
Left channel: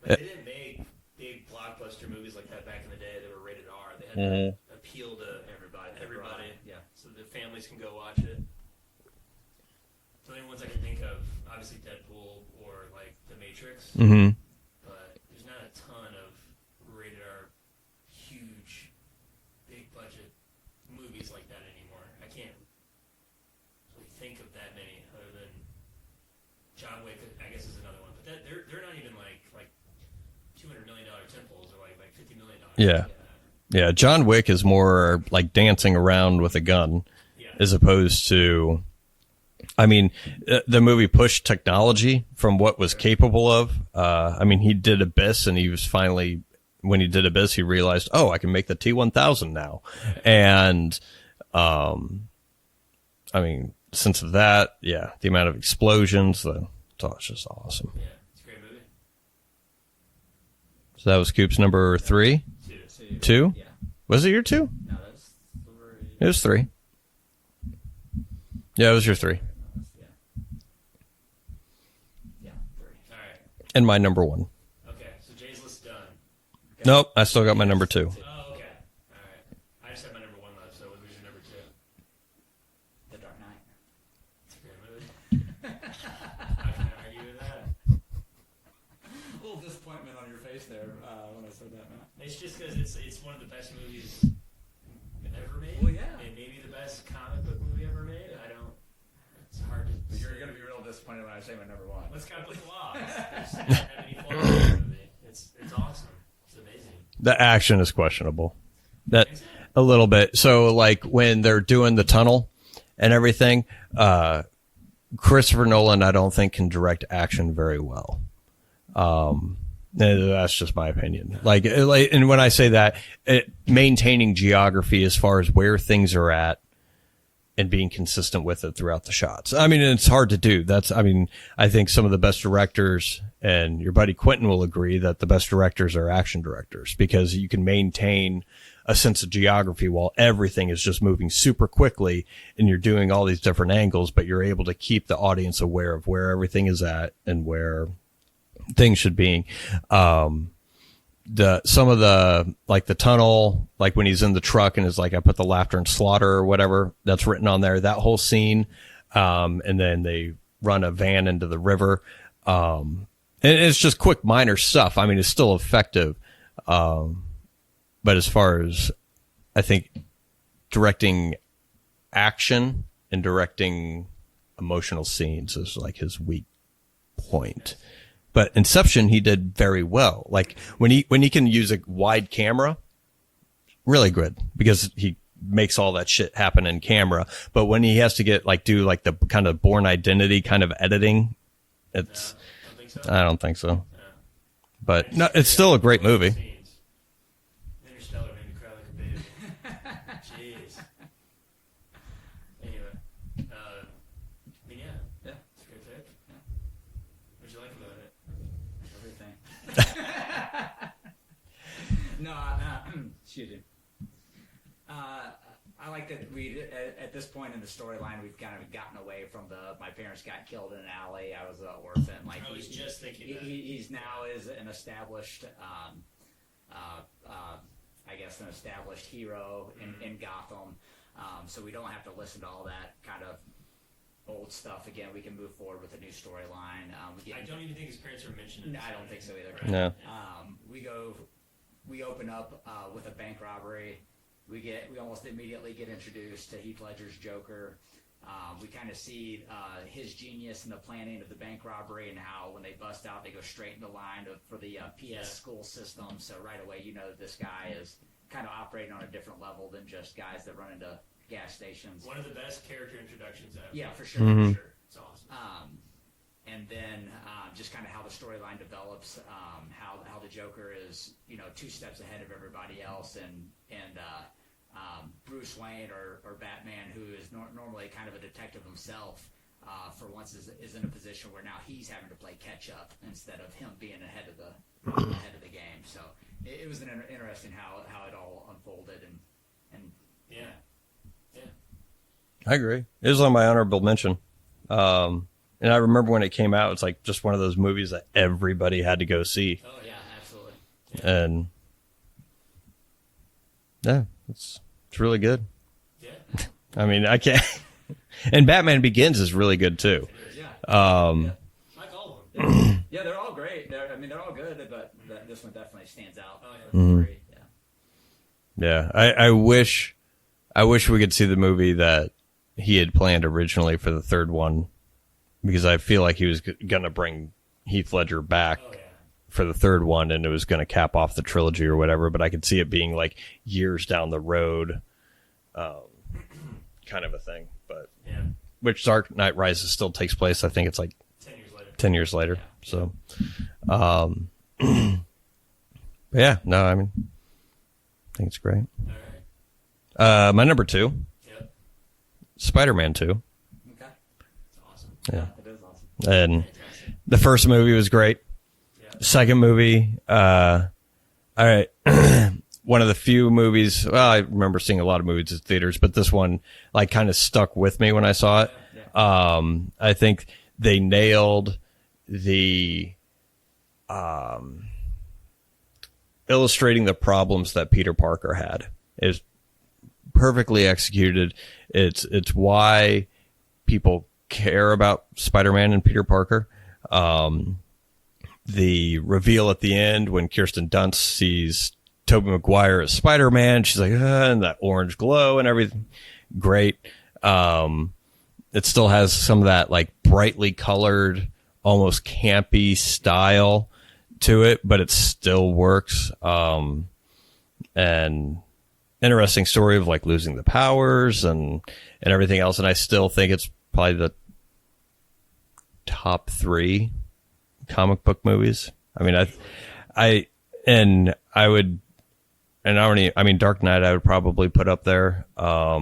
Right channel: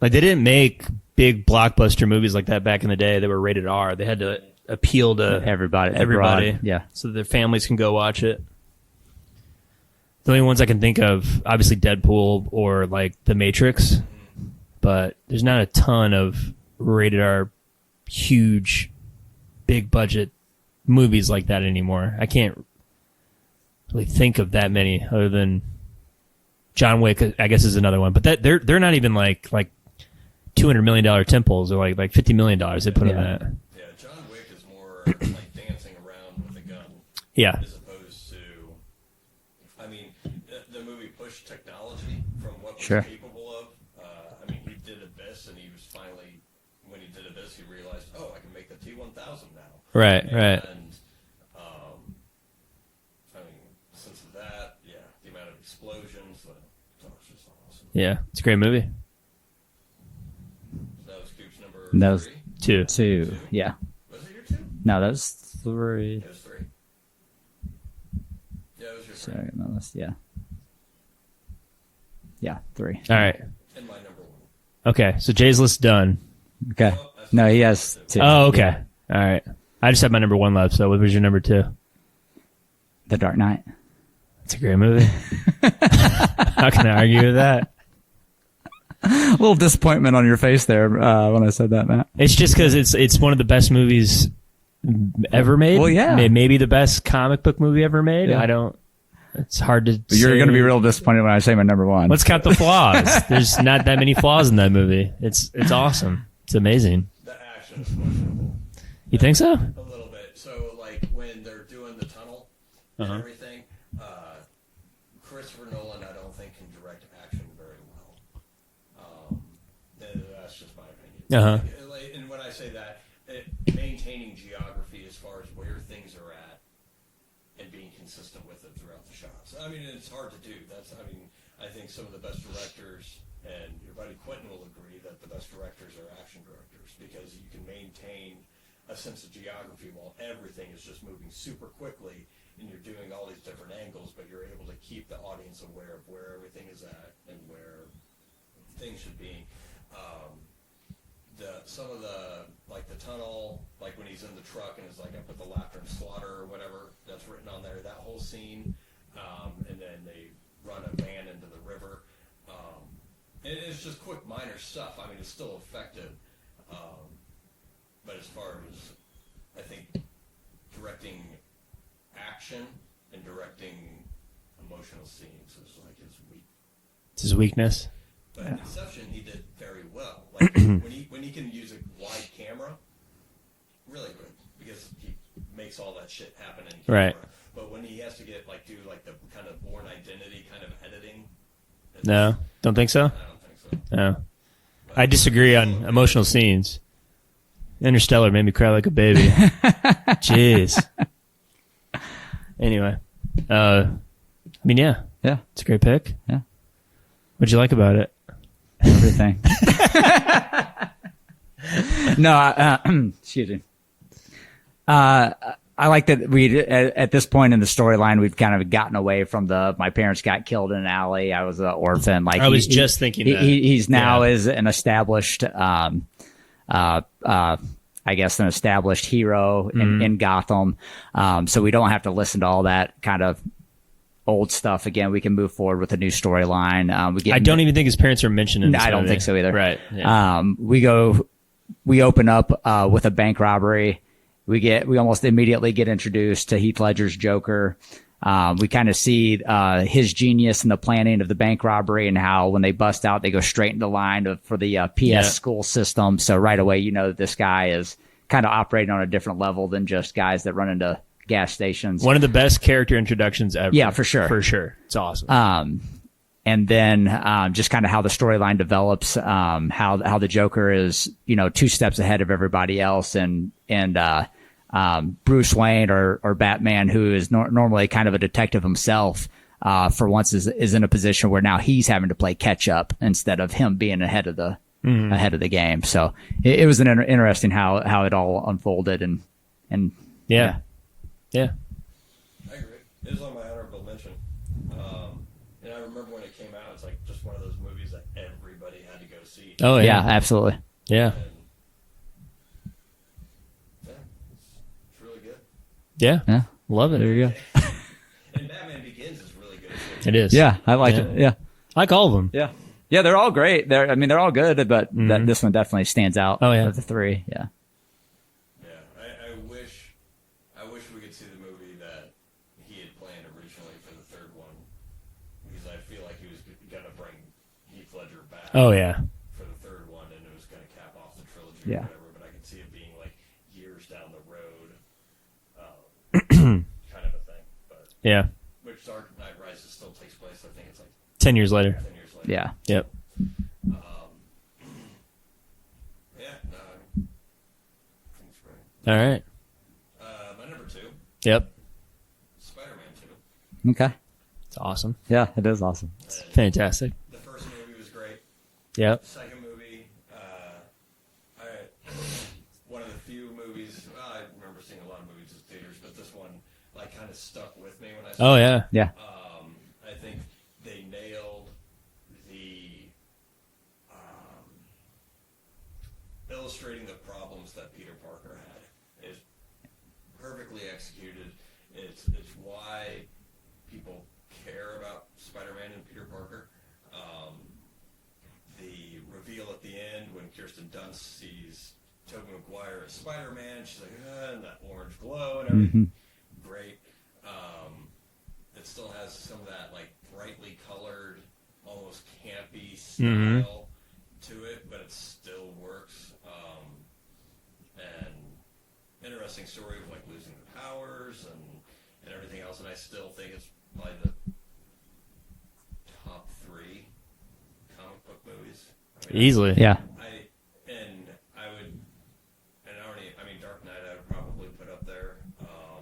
Like they didn't make big blockbuster movies like that back in the day that were rated R. They had to appeal to Everybody. everybody. abroad. Yeah. So that their families can go watch it. The only ones I can think of, obviously Deadpool or like The Matrix, but there's not a ton of rated R, huge, big budget movies like that anymore. I can't really think of that many other than John Wick, I guess, is another one. But that they're not even like $200 million temples or like $50 million. They put in that. Yeah, John Wick is more like dancing around with a gun, Yeah, as opposed to, I mean, the movie pushed technology from what was capable of. I mean, he did Abyss, and he was finally when he did Abyss, he realized, oh, I can make the T-1000 now. Right. And, I mean, since of that, yeah, the amount of explosions, it's just awesome. Yeah, it's a great movie. So that was Coop's number That was- 3? Two. Two? Yeah. Was it your 2? No, that was 3. It was 3. Yeah, it was your 3. Sorry, no, yeah. Yeah, 3. All right. And my number 1. Okay, so Jay's list done. Okay. Nope, I still got he my has number 2. Oh, okay. All right. I just had my number 1 left, so what was your number 2? The Dark Knight. It's a great movie. How can I argue with that? A little disappointment on your face there when I said that, Matt. It's just because it's one of the best movies ever made. Well, yeah. Maybe the best comic book movie ever made. Yeah. I don't. It's hard to. But you're say. going to be real disappointed when I say my number 1. Let's count the flaws. There's not that many flaws in that movie. It's awesome. It's amazing. The action is questionable. You think so? A little bit. So, like, when they're doing the tunnel and everything, Christopher Nolan, I don't think, can direct action very well. That's just my opinion. Uh-huh. And when I say that, maintaining geography as far as where things are at and being consistent with it throughout the shots. I mean, it's hard to do. I think some of the best directors, and your buddy Quentin will agree, that the best directors are action directors, because you can maintain a sense of geography while everything is just moving super quickly and you're doing all these different angles, but you're able to keep the audience aware of where everything is at and where things should be. Some of the, like the tunnel, like when he's in the truck and is like, I put the laughter and slaughter or whatever that's written on there, that whole scene. And then they run a van into the river. And it's just quick, minor stuff. I mean, it's still effective. But as far as, I think, directing action and directing emotional scenes is like his It's weakness. But Inception, he did very well. Like when he can use a wide camera, really good, because he makes all that shit happen in camera. Right. But when he has to do the kind of Born Identity kind of editing, No, don't think so. I don't think so. No, But I disagree. it's still on a great emotional movie. scenes. Interstellar made me cry like a baby. Jeez. Anyway, I mean, yeah, Yeah. it's a great pick. Yeah. What'd you like about it? Everything. No, excuse me. I like that we at this point in the storyline we've kind of gotten away from my parents got killed in an alley. I was an orphan. Like I was just thinking that. he's now Yeah. is an established I guess an established hero in Gotham. So we don't have to listen to all that kind of old stuff again. We can move forward with a new storyline. I don't even think his parents are mentioned in this I don't movie. think so either. Right. Yeah. Yeah. We open up with a bank robbery. We almost immediately get introduced to Heath Ledger's Joker. We kind of see his genius in the planning of the bank robbery and how when they bust out, they go straight into line for the PS school system. So right away, you know that this guy is kind of operating on a different level than just guys that run into gas stations. One of the best character introductions ever. Yeah, for sure. For sure. It's awesome. And then just kind of how the storyline develops, how the Joker is, 2 steps ahead of everybody else, and Bruce Wayne or Batman, who is normally kind of a detective himself, for once is in a position where now he's having to play catch up instead of him being ahead of the game. So it was interesting how it all unfolded and yeah. I agree. It was on my honorable mention. And I remember when it came out, it's like just one of those movies that everybody had to go see. Oh yeah, yeah. absolutely. Yeah. And yeah, it's really good. Yeah. Love it. I can't. And Batman Begins is really good too. It is. Yeah, I like it. Yeah. I like all of them. Yeah, yeah, they're all great. They're all good, but this one definitely stands out. Oh, yeah. of the 3. Yeah, Yeah, I wish we could see the movie that he had planned originally for the 3rd one, because I feel like he was gonna bring Heath Ledger back Oh yeah. for the 3rd one, and it was gonna cap off the trilogy or whatever. But I could see it being like years down the road, kind of a thing. But Yeah. which Dark Knight Rises still takes place. I think it's like 10 years later. 10 years later. Yeah. So, but But yeah, no, I mean, I think it's great. All right. My number 2, Yep. Spider-Man 2. Okay. It's awesome. Yeah, it is awesome. And Fantastic. the first movie was great. Yep. Second movie, all right. One of the few movies, well, I remember seeing a lot of movies at theaters, but this one like kind of stuck with me when I saw it. Yeah. Yeah. I think they nailed the illustrating the problems that Peter Parker had. Is perfectly executed. It's why people care about Spider-Man and Peter Parker. The reveal at the end when Kirsten Dunst sees Tobey Maguire as Spider-Man, she's like, and that orange glow and everything. Great. It still has some of that like brightly colored, almost campy style to it, but it still works. And interesting story of like losing the powers and everything else. And I still think it's probably the top 3 comic book movies. I mean, Easily. Yeah. Dark Knight I would probably put up there. I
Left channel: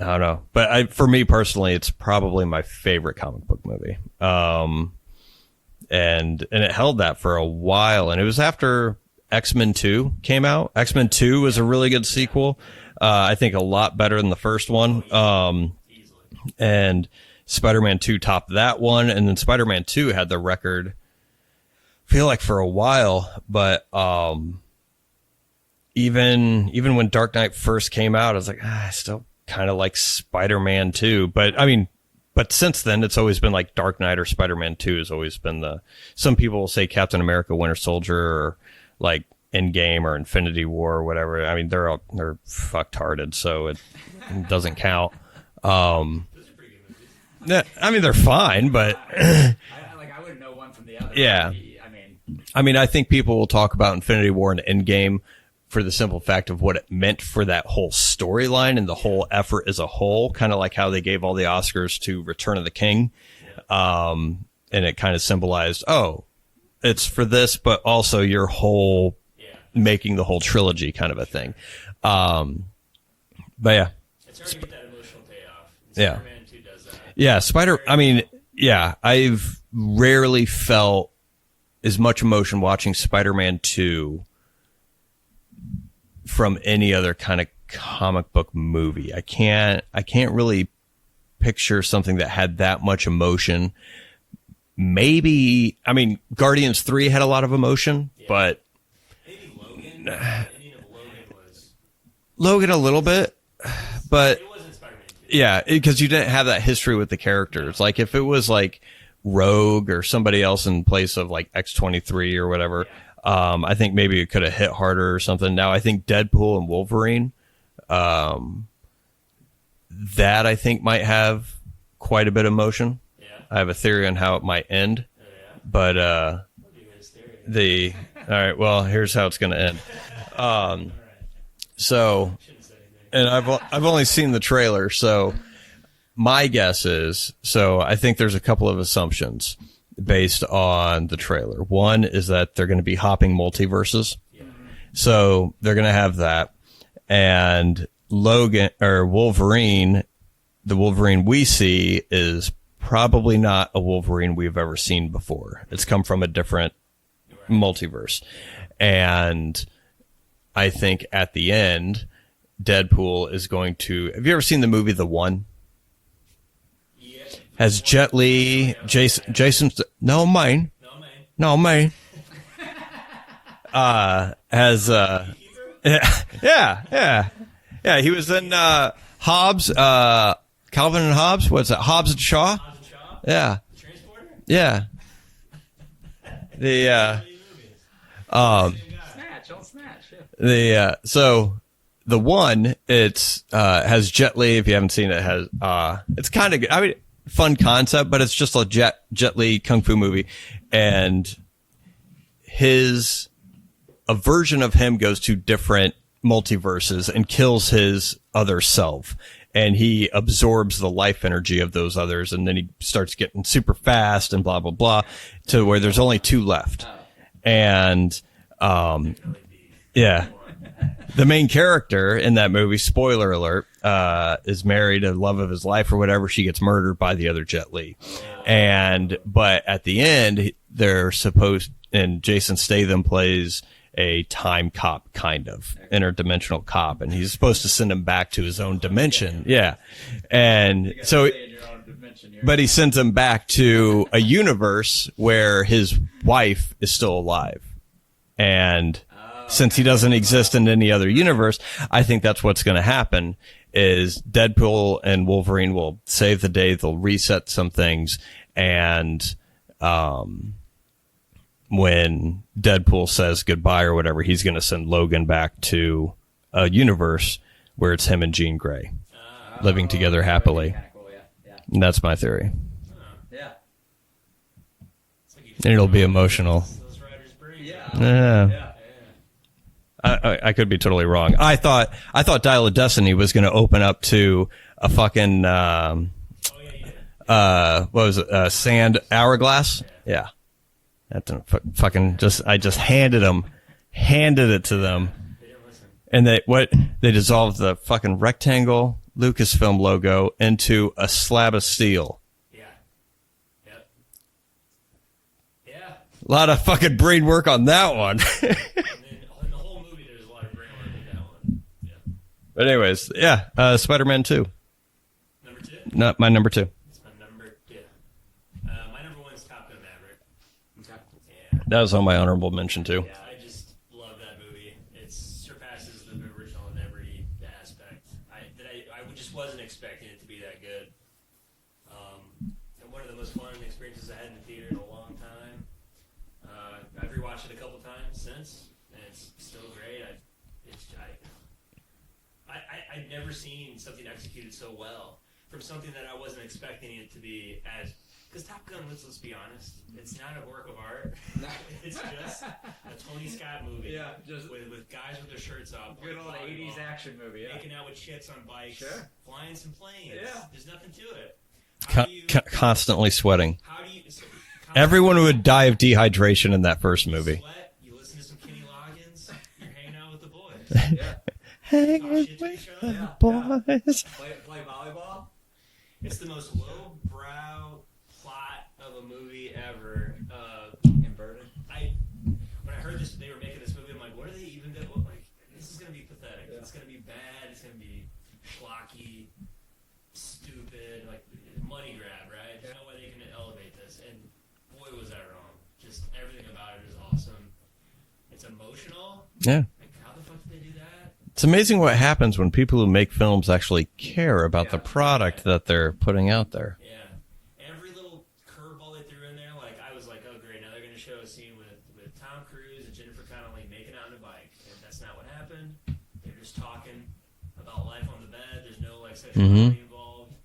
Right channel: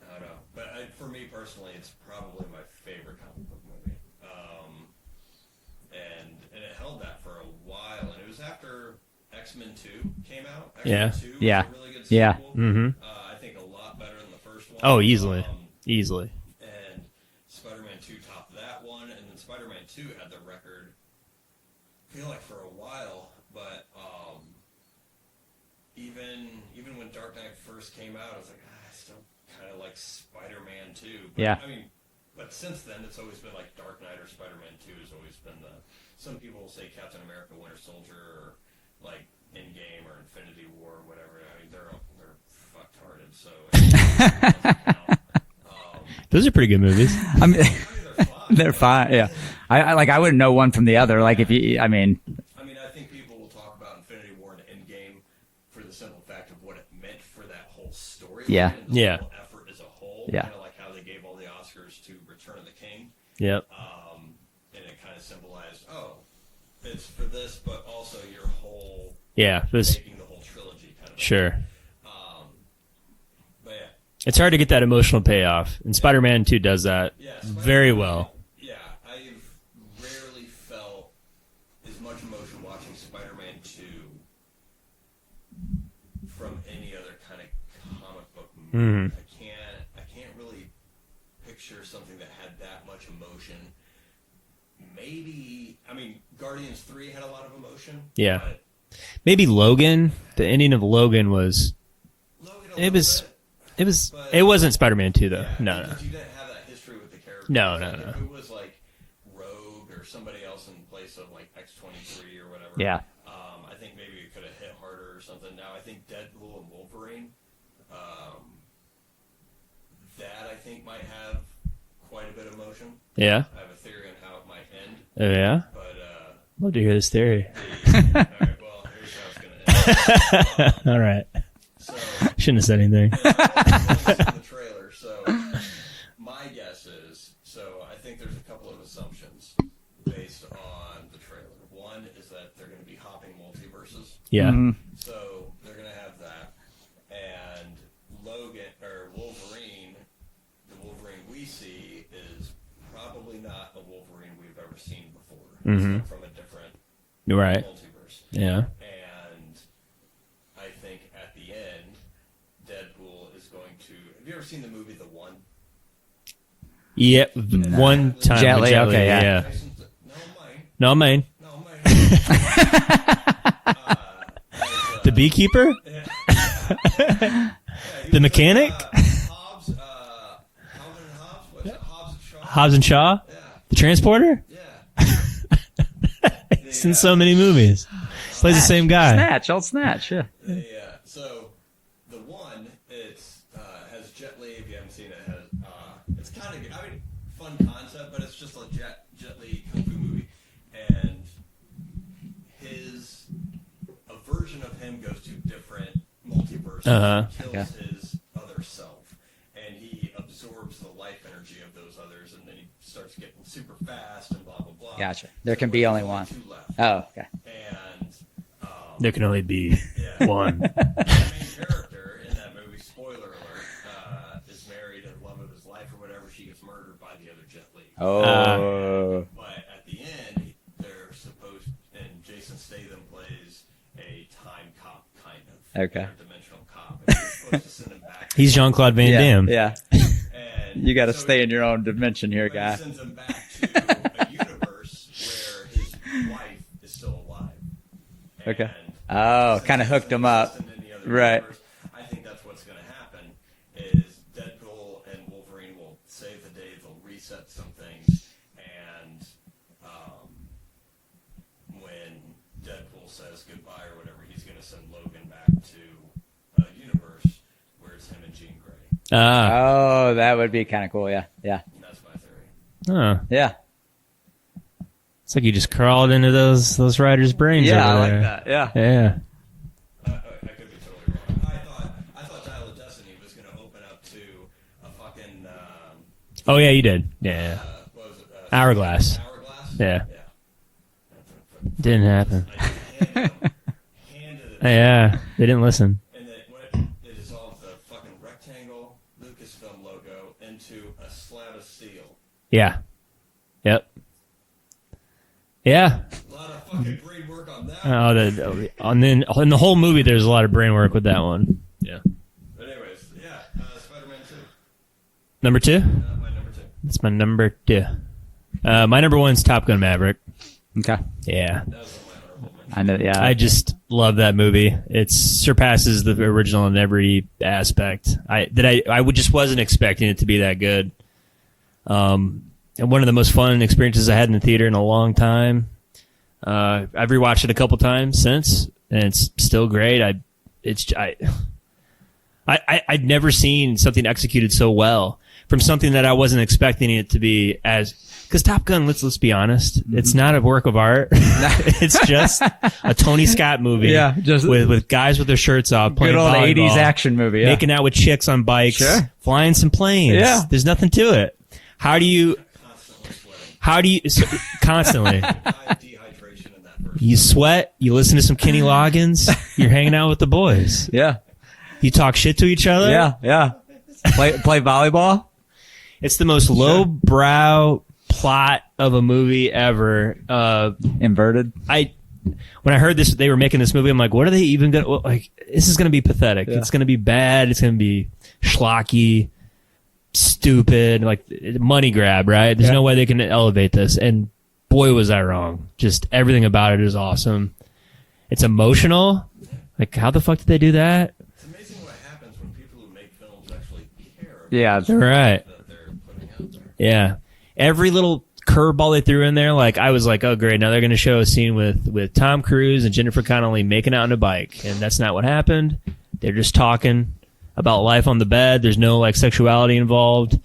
don't know, but for me personally, it's probably my favorite comic book movie. And it held that for a while, and it was after X-Men 2 came out. X-Men 2 was a really good sequel. I think a lot better than the first one. Oh, easily. Easily. And Spider-Man 2 topped that one, and then Spider-Man 2 had the record, I feel like, for a while, but even when Dark Knight first came out, I was like, I still kind of like Spider-Man 2. But I mean, but since then, it's always been like Dark Knight or Spider-Man 2 has always been some people will say Captain America, Winter Soldier, or like Endgame or Infinity War or whatever. I mean, they're fucked-hearted, so it doesn't count. Those are pretty good movies. I mean, they're fine. They're but fine. Yeah. I wouldn't know one from the other. Yeah. Like if you, I mean, I think people will talk about Infinity War and Endgame for the simple fact of what it meant for that whole storyline and the whole effort as a whole, kind of like how they gave all the Oscars to Return of the King. Yep. And it kind of symbolized, it's for this, but also your whole making the whole trilogy kind of a thing. But yeah. It's hard to get that emotional payoff, and Spider-Man 2 does that. Yeah, very well. I've rarely felt as much emotion watching Spider-Man 2 from any other kind of comic book movie. I can't really picture something that had that much emotion. Maybe, Guardians 3 had a lot of emotion, but maybe Logan. The ending of Logan was Logan a little bit. It was, but it wasn't Spider-Man 2 though. Yeah, because you didn't have that history with the characters. If it was like Rogue or somebody else in place of like X-23 or whatever, I think maybe it could have hit harder or something. Now I think Deadpool and Wolverine, that I think might have quite a bit of emotion. Yeah, I have a theory on how it might end. Oh yeah, but love to hear this theory. All right, well, here's how it's going to end. All right. So shouldn't have said anything. And I've only seen the trailer, so my guess is, I think there's a couple of assumptions based on the trailer. One is that they're going to be hopping multiverses. Yeah. So they're going to have that. And Logan or Wolverine, the Wolverine we see is probably not a Wolverine we've ever seen before. It's come from a different multiverse. Yeah. And I think at the end, Deadpool is going to. Have you ever seen the movie The One? Yeah, as Jet Li, Jason. No, mine. As the beekeeper. Yeah. He was the mechanic. Hobbs, Calvin and Hobbes. What's that? Hobbs and Shaw. Hobbs and Shaw. Yeah. The transporter. Yeah. He's in so many movies. Plays the same guy. Old Snatch, yeah. So the One, it's has Jet Li. If you haven't seen it, has it's kind of good. Fun concept, but it's just a Jet Li kung fu movie, and a version of him goes to different multiverses and kills his other self, and he absorbs the life energy of those others, and then he starts getting super fast and blah blah blah, Gotcha. There to can where be there's only only one. 2 left. Oh, okay. And There can only be yeah, one. the main character in that movie, spoiler alert, is married to the love of his life or whatever. She gets murdered by the other Jet Li. But at the end, they're supposed, and Jason Statham plays a time cop, kind of interdimensional cop, and he's supposed to send him back to He's his own Jean-Claude Van dimension. Damme. Yeah, and You got to so stay in your own dimension here. but he guy. sends him back to a universe where his wife is still alive. And Oh, since he kinda doesn't hooked him exist up. in any other Right. universe, I think that's what's going to happen is Deadpool and Wolverine will save the day. They'll reset some things. And when Deadpool says goodbye or whatever, he's going to send Logan back to a universe where it's him and Jean Grey. living together that would happily. be kind of cool. Yeah, yeah, And that's my theory. Huh. yeah. It's like you just It'll be crawled into emotional. those writers' brains. Yeah, I over like there. that. Yeah. Yeah. I could be totally wrong. I thought Dial of Destiny was going to open up to a fucking Oh yeah, you did. Yeah. what was it? Hourglass. Hourglass. Yeah. Yeah. That didn't fucking Didn't just. happen. I just handed it to Yeah, them, they didn't listen. and they dissolved the fucking rectangle Lucasfilm logo into a slab of steel. Yeah. Yep. Yeah. A lot of fucking brain work on that No, one. and then in the whole movie, there's a lot of brain work with that one. Yeah. But anyways, yeah, Spider-Man 2. Number 2. Not my number 2. That's my number 2. My number 1 is Top Gun Maverick. Okay. Yeah. That was on my honorable mention I know. too. Yeah. I just love that movie. It surpasses the original in every aspect. I just wasn't expecting it to be that good. And one of the most fun experiences I had in the theater in a long time. I've rewatched it a couple times since, and it's still great. I'd never seen something executed so well from something that I wasn't expecting it to be as. Because Top Gun, let's be honest, it's not a work of art. It's just a Tony Scott movie. Yeah, just- with guys with their shirts off playing Good old volleyball, 80s action movie. Yeah. making out with chicks on bikes, Sure. flying some planes. Yeah. There's nothing to it. How do you? Constantly sweating. Constantly. Everyone would die of dehydration in that first You movie. sweat. You listen to some Kenny Loggins. You're hanging out with the boys. yeah. You talk shit to each other. Yeah. Yeah. Play volleyball. It's the most lowbrow plot of a movie ever. Inverted. When I heard this, they were making this movie. I'm like, what are they even gonna like? This is gonna be pathetic. Yeah. It's gonna be bad. It's gonna be schlocky, stupid, like money grab. Right? There's no way they can elevate this. And boy, was I wrong. Just everything about it is awesome. It's emotional. Yeah. Like, how the fuck did they do that? It's amazing what happens when people who make films actually care about Yeah, the that's product right. that they're putting out there. Yeah. Every little curveball they threw in there, like I was like, oh great, now they're going to show a scene with Tom Cruise and Jennifer Connelly making out on a bike, and that's not what happened. They're just talking about life on the bed. There's no like sexuality involved.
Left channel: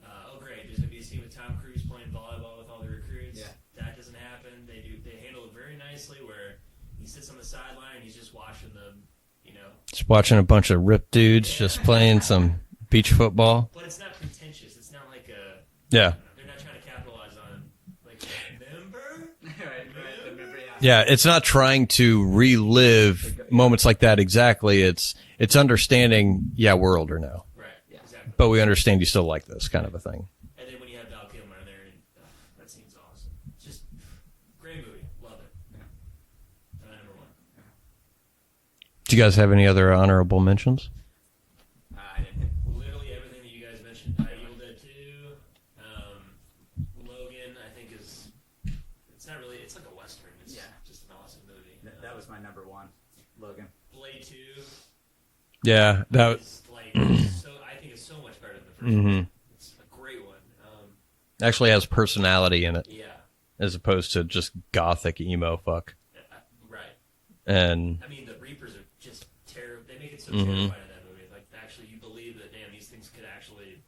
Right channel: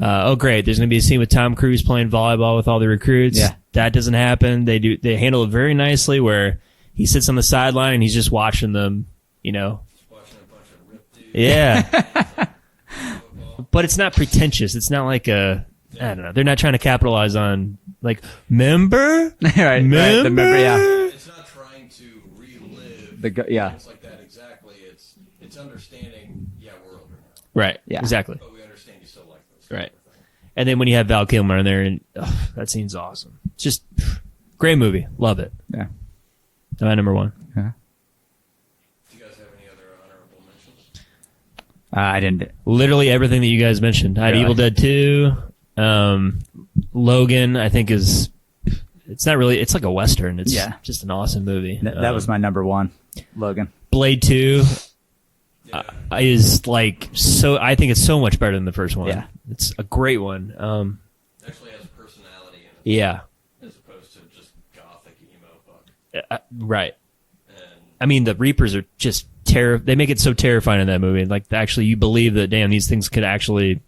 Oh great, there's going to be a scene with Tom Cruise playing volleyball with all the recruits. Yeah. That doesn't happen. They handle it very nicely where he sits on the sideline and he's just watching them, you know. Just watching a bunch of ripped dudes Yeah. just playing some beach football. But it's not pretentious. It's not like a Yeah. I don't know. They're not trying to capitalize on like member. right. The member. Yeah. Yeah, it's not trying to relive yeah. moments like that exactly. It's understanding, we're older now, Right. Yeah. Exactly. but we understand you still like this kind Right. of a thing. And then when you have Val Kilmer in there, and that scene's awesome. It's just great movie. Love it. Yeah. My number 1. Do you guys have any other honorable mentions? I didn't. Literally everything that you guys mentioned. I had Really? Evil Dead 2. Logan, I think is. It's not really. It's like a western. It's just an awesome movie. That was my number 1. Logan. Blade 2 Yeah, is like so. I think it's so much better than the first one. Yeah. It's a great one. actually has personality in it Yeah. as opposed to just gothic emo fuck. Right. And I mean, the Reapers are just They make it so terrifying in that movie. Like, actually, you believe that, damn, these things could actually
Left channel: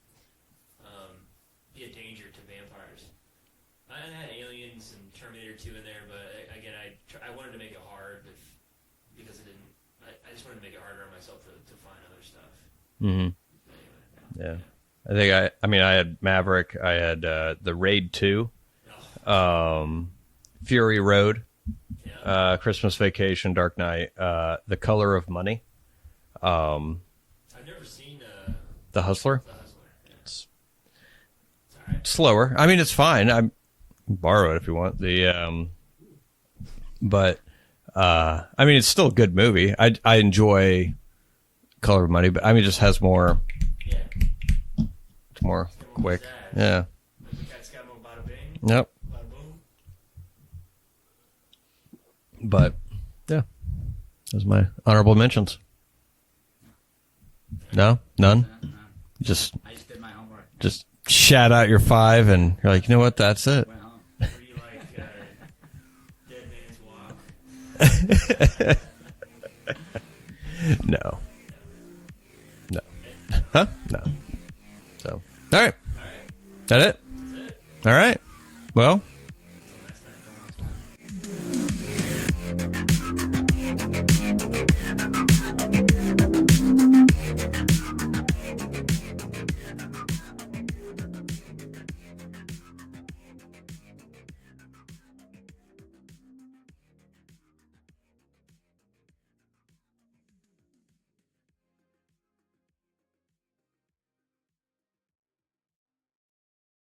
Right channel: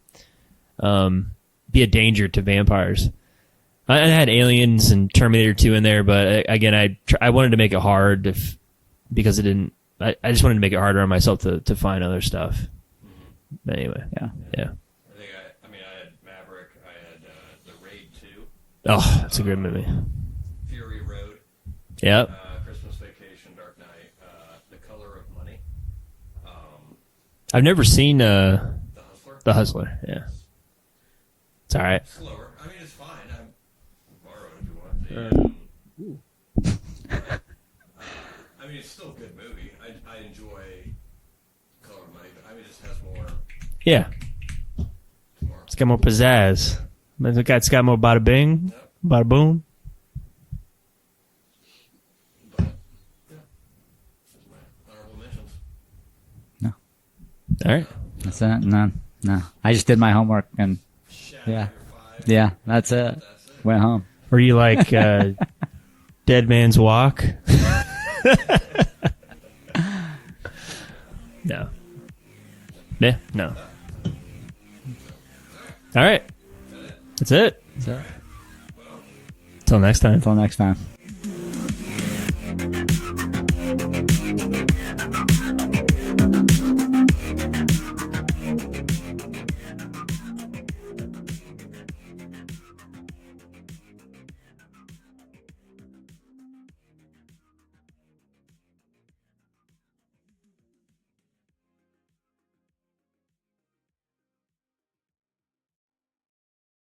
be a danger to vampires. I had Aliens and Terminator 2 in there, but again, I wanted to make it hard because it didn't. I just wanted to make it harder on myself to find other stuff. But anyway, yeah. I think I had Maverick. I had the Raid 2, Oh, that's a good movie. Fury Road, Yeah, Christmas Vacation, Dark Knight, The Color of Money, I've never seen The Hustler. The Hustler. Yes, it's all right. Slower. I mean, it's fine. I borrow it if you want. But I mean, it's still a good movie. I enjoy Color of Money, but I mean, it just has more. Yeah, It's more. it's got more pizzazz. Yeah. It's got more bada bing, Yep. bada boom. But yeah, those are my honorable mentions. All right. No, none. That's it? None. No. Just- I just did my homework and Just shout out your 5, and Yeah, you're like, that's you know it. what? That's it. went home. Were you like Dead Man's Walk? No. No. No. Yeah. No. Huh? No. So, all right. All right. That it? That's it. All right. Well, Until next time. Until next time.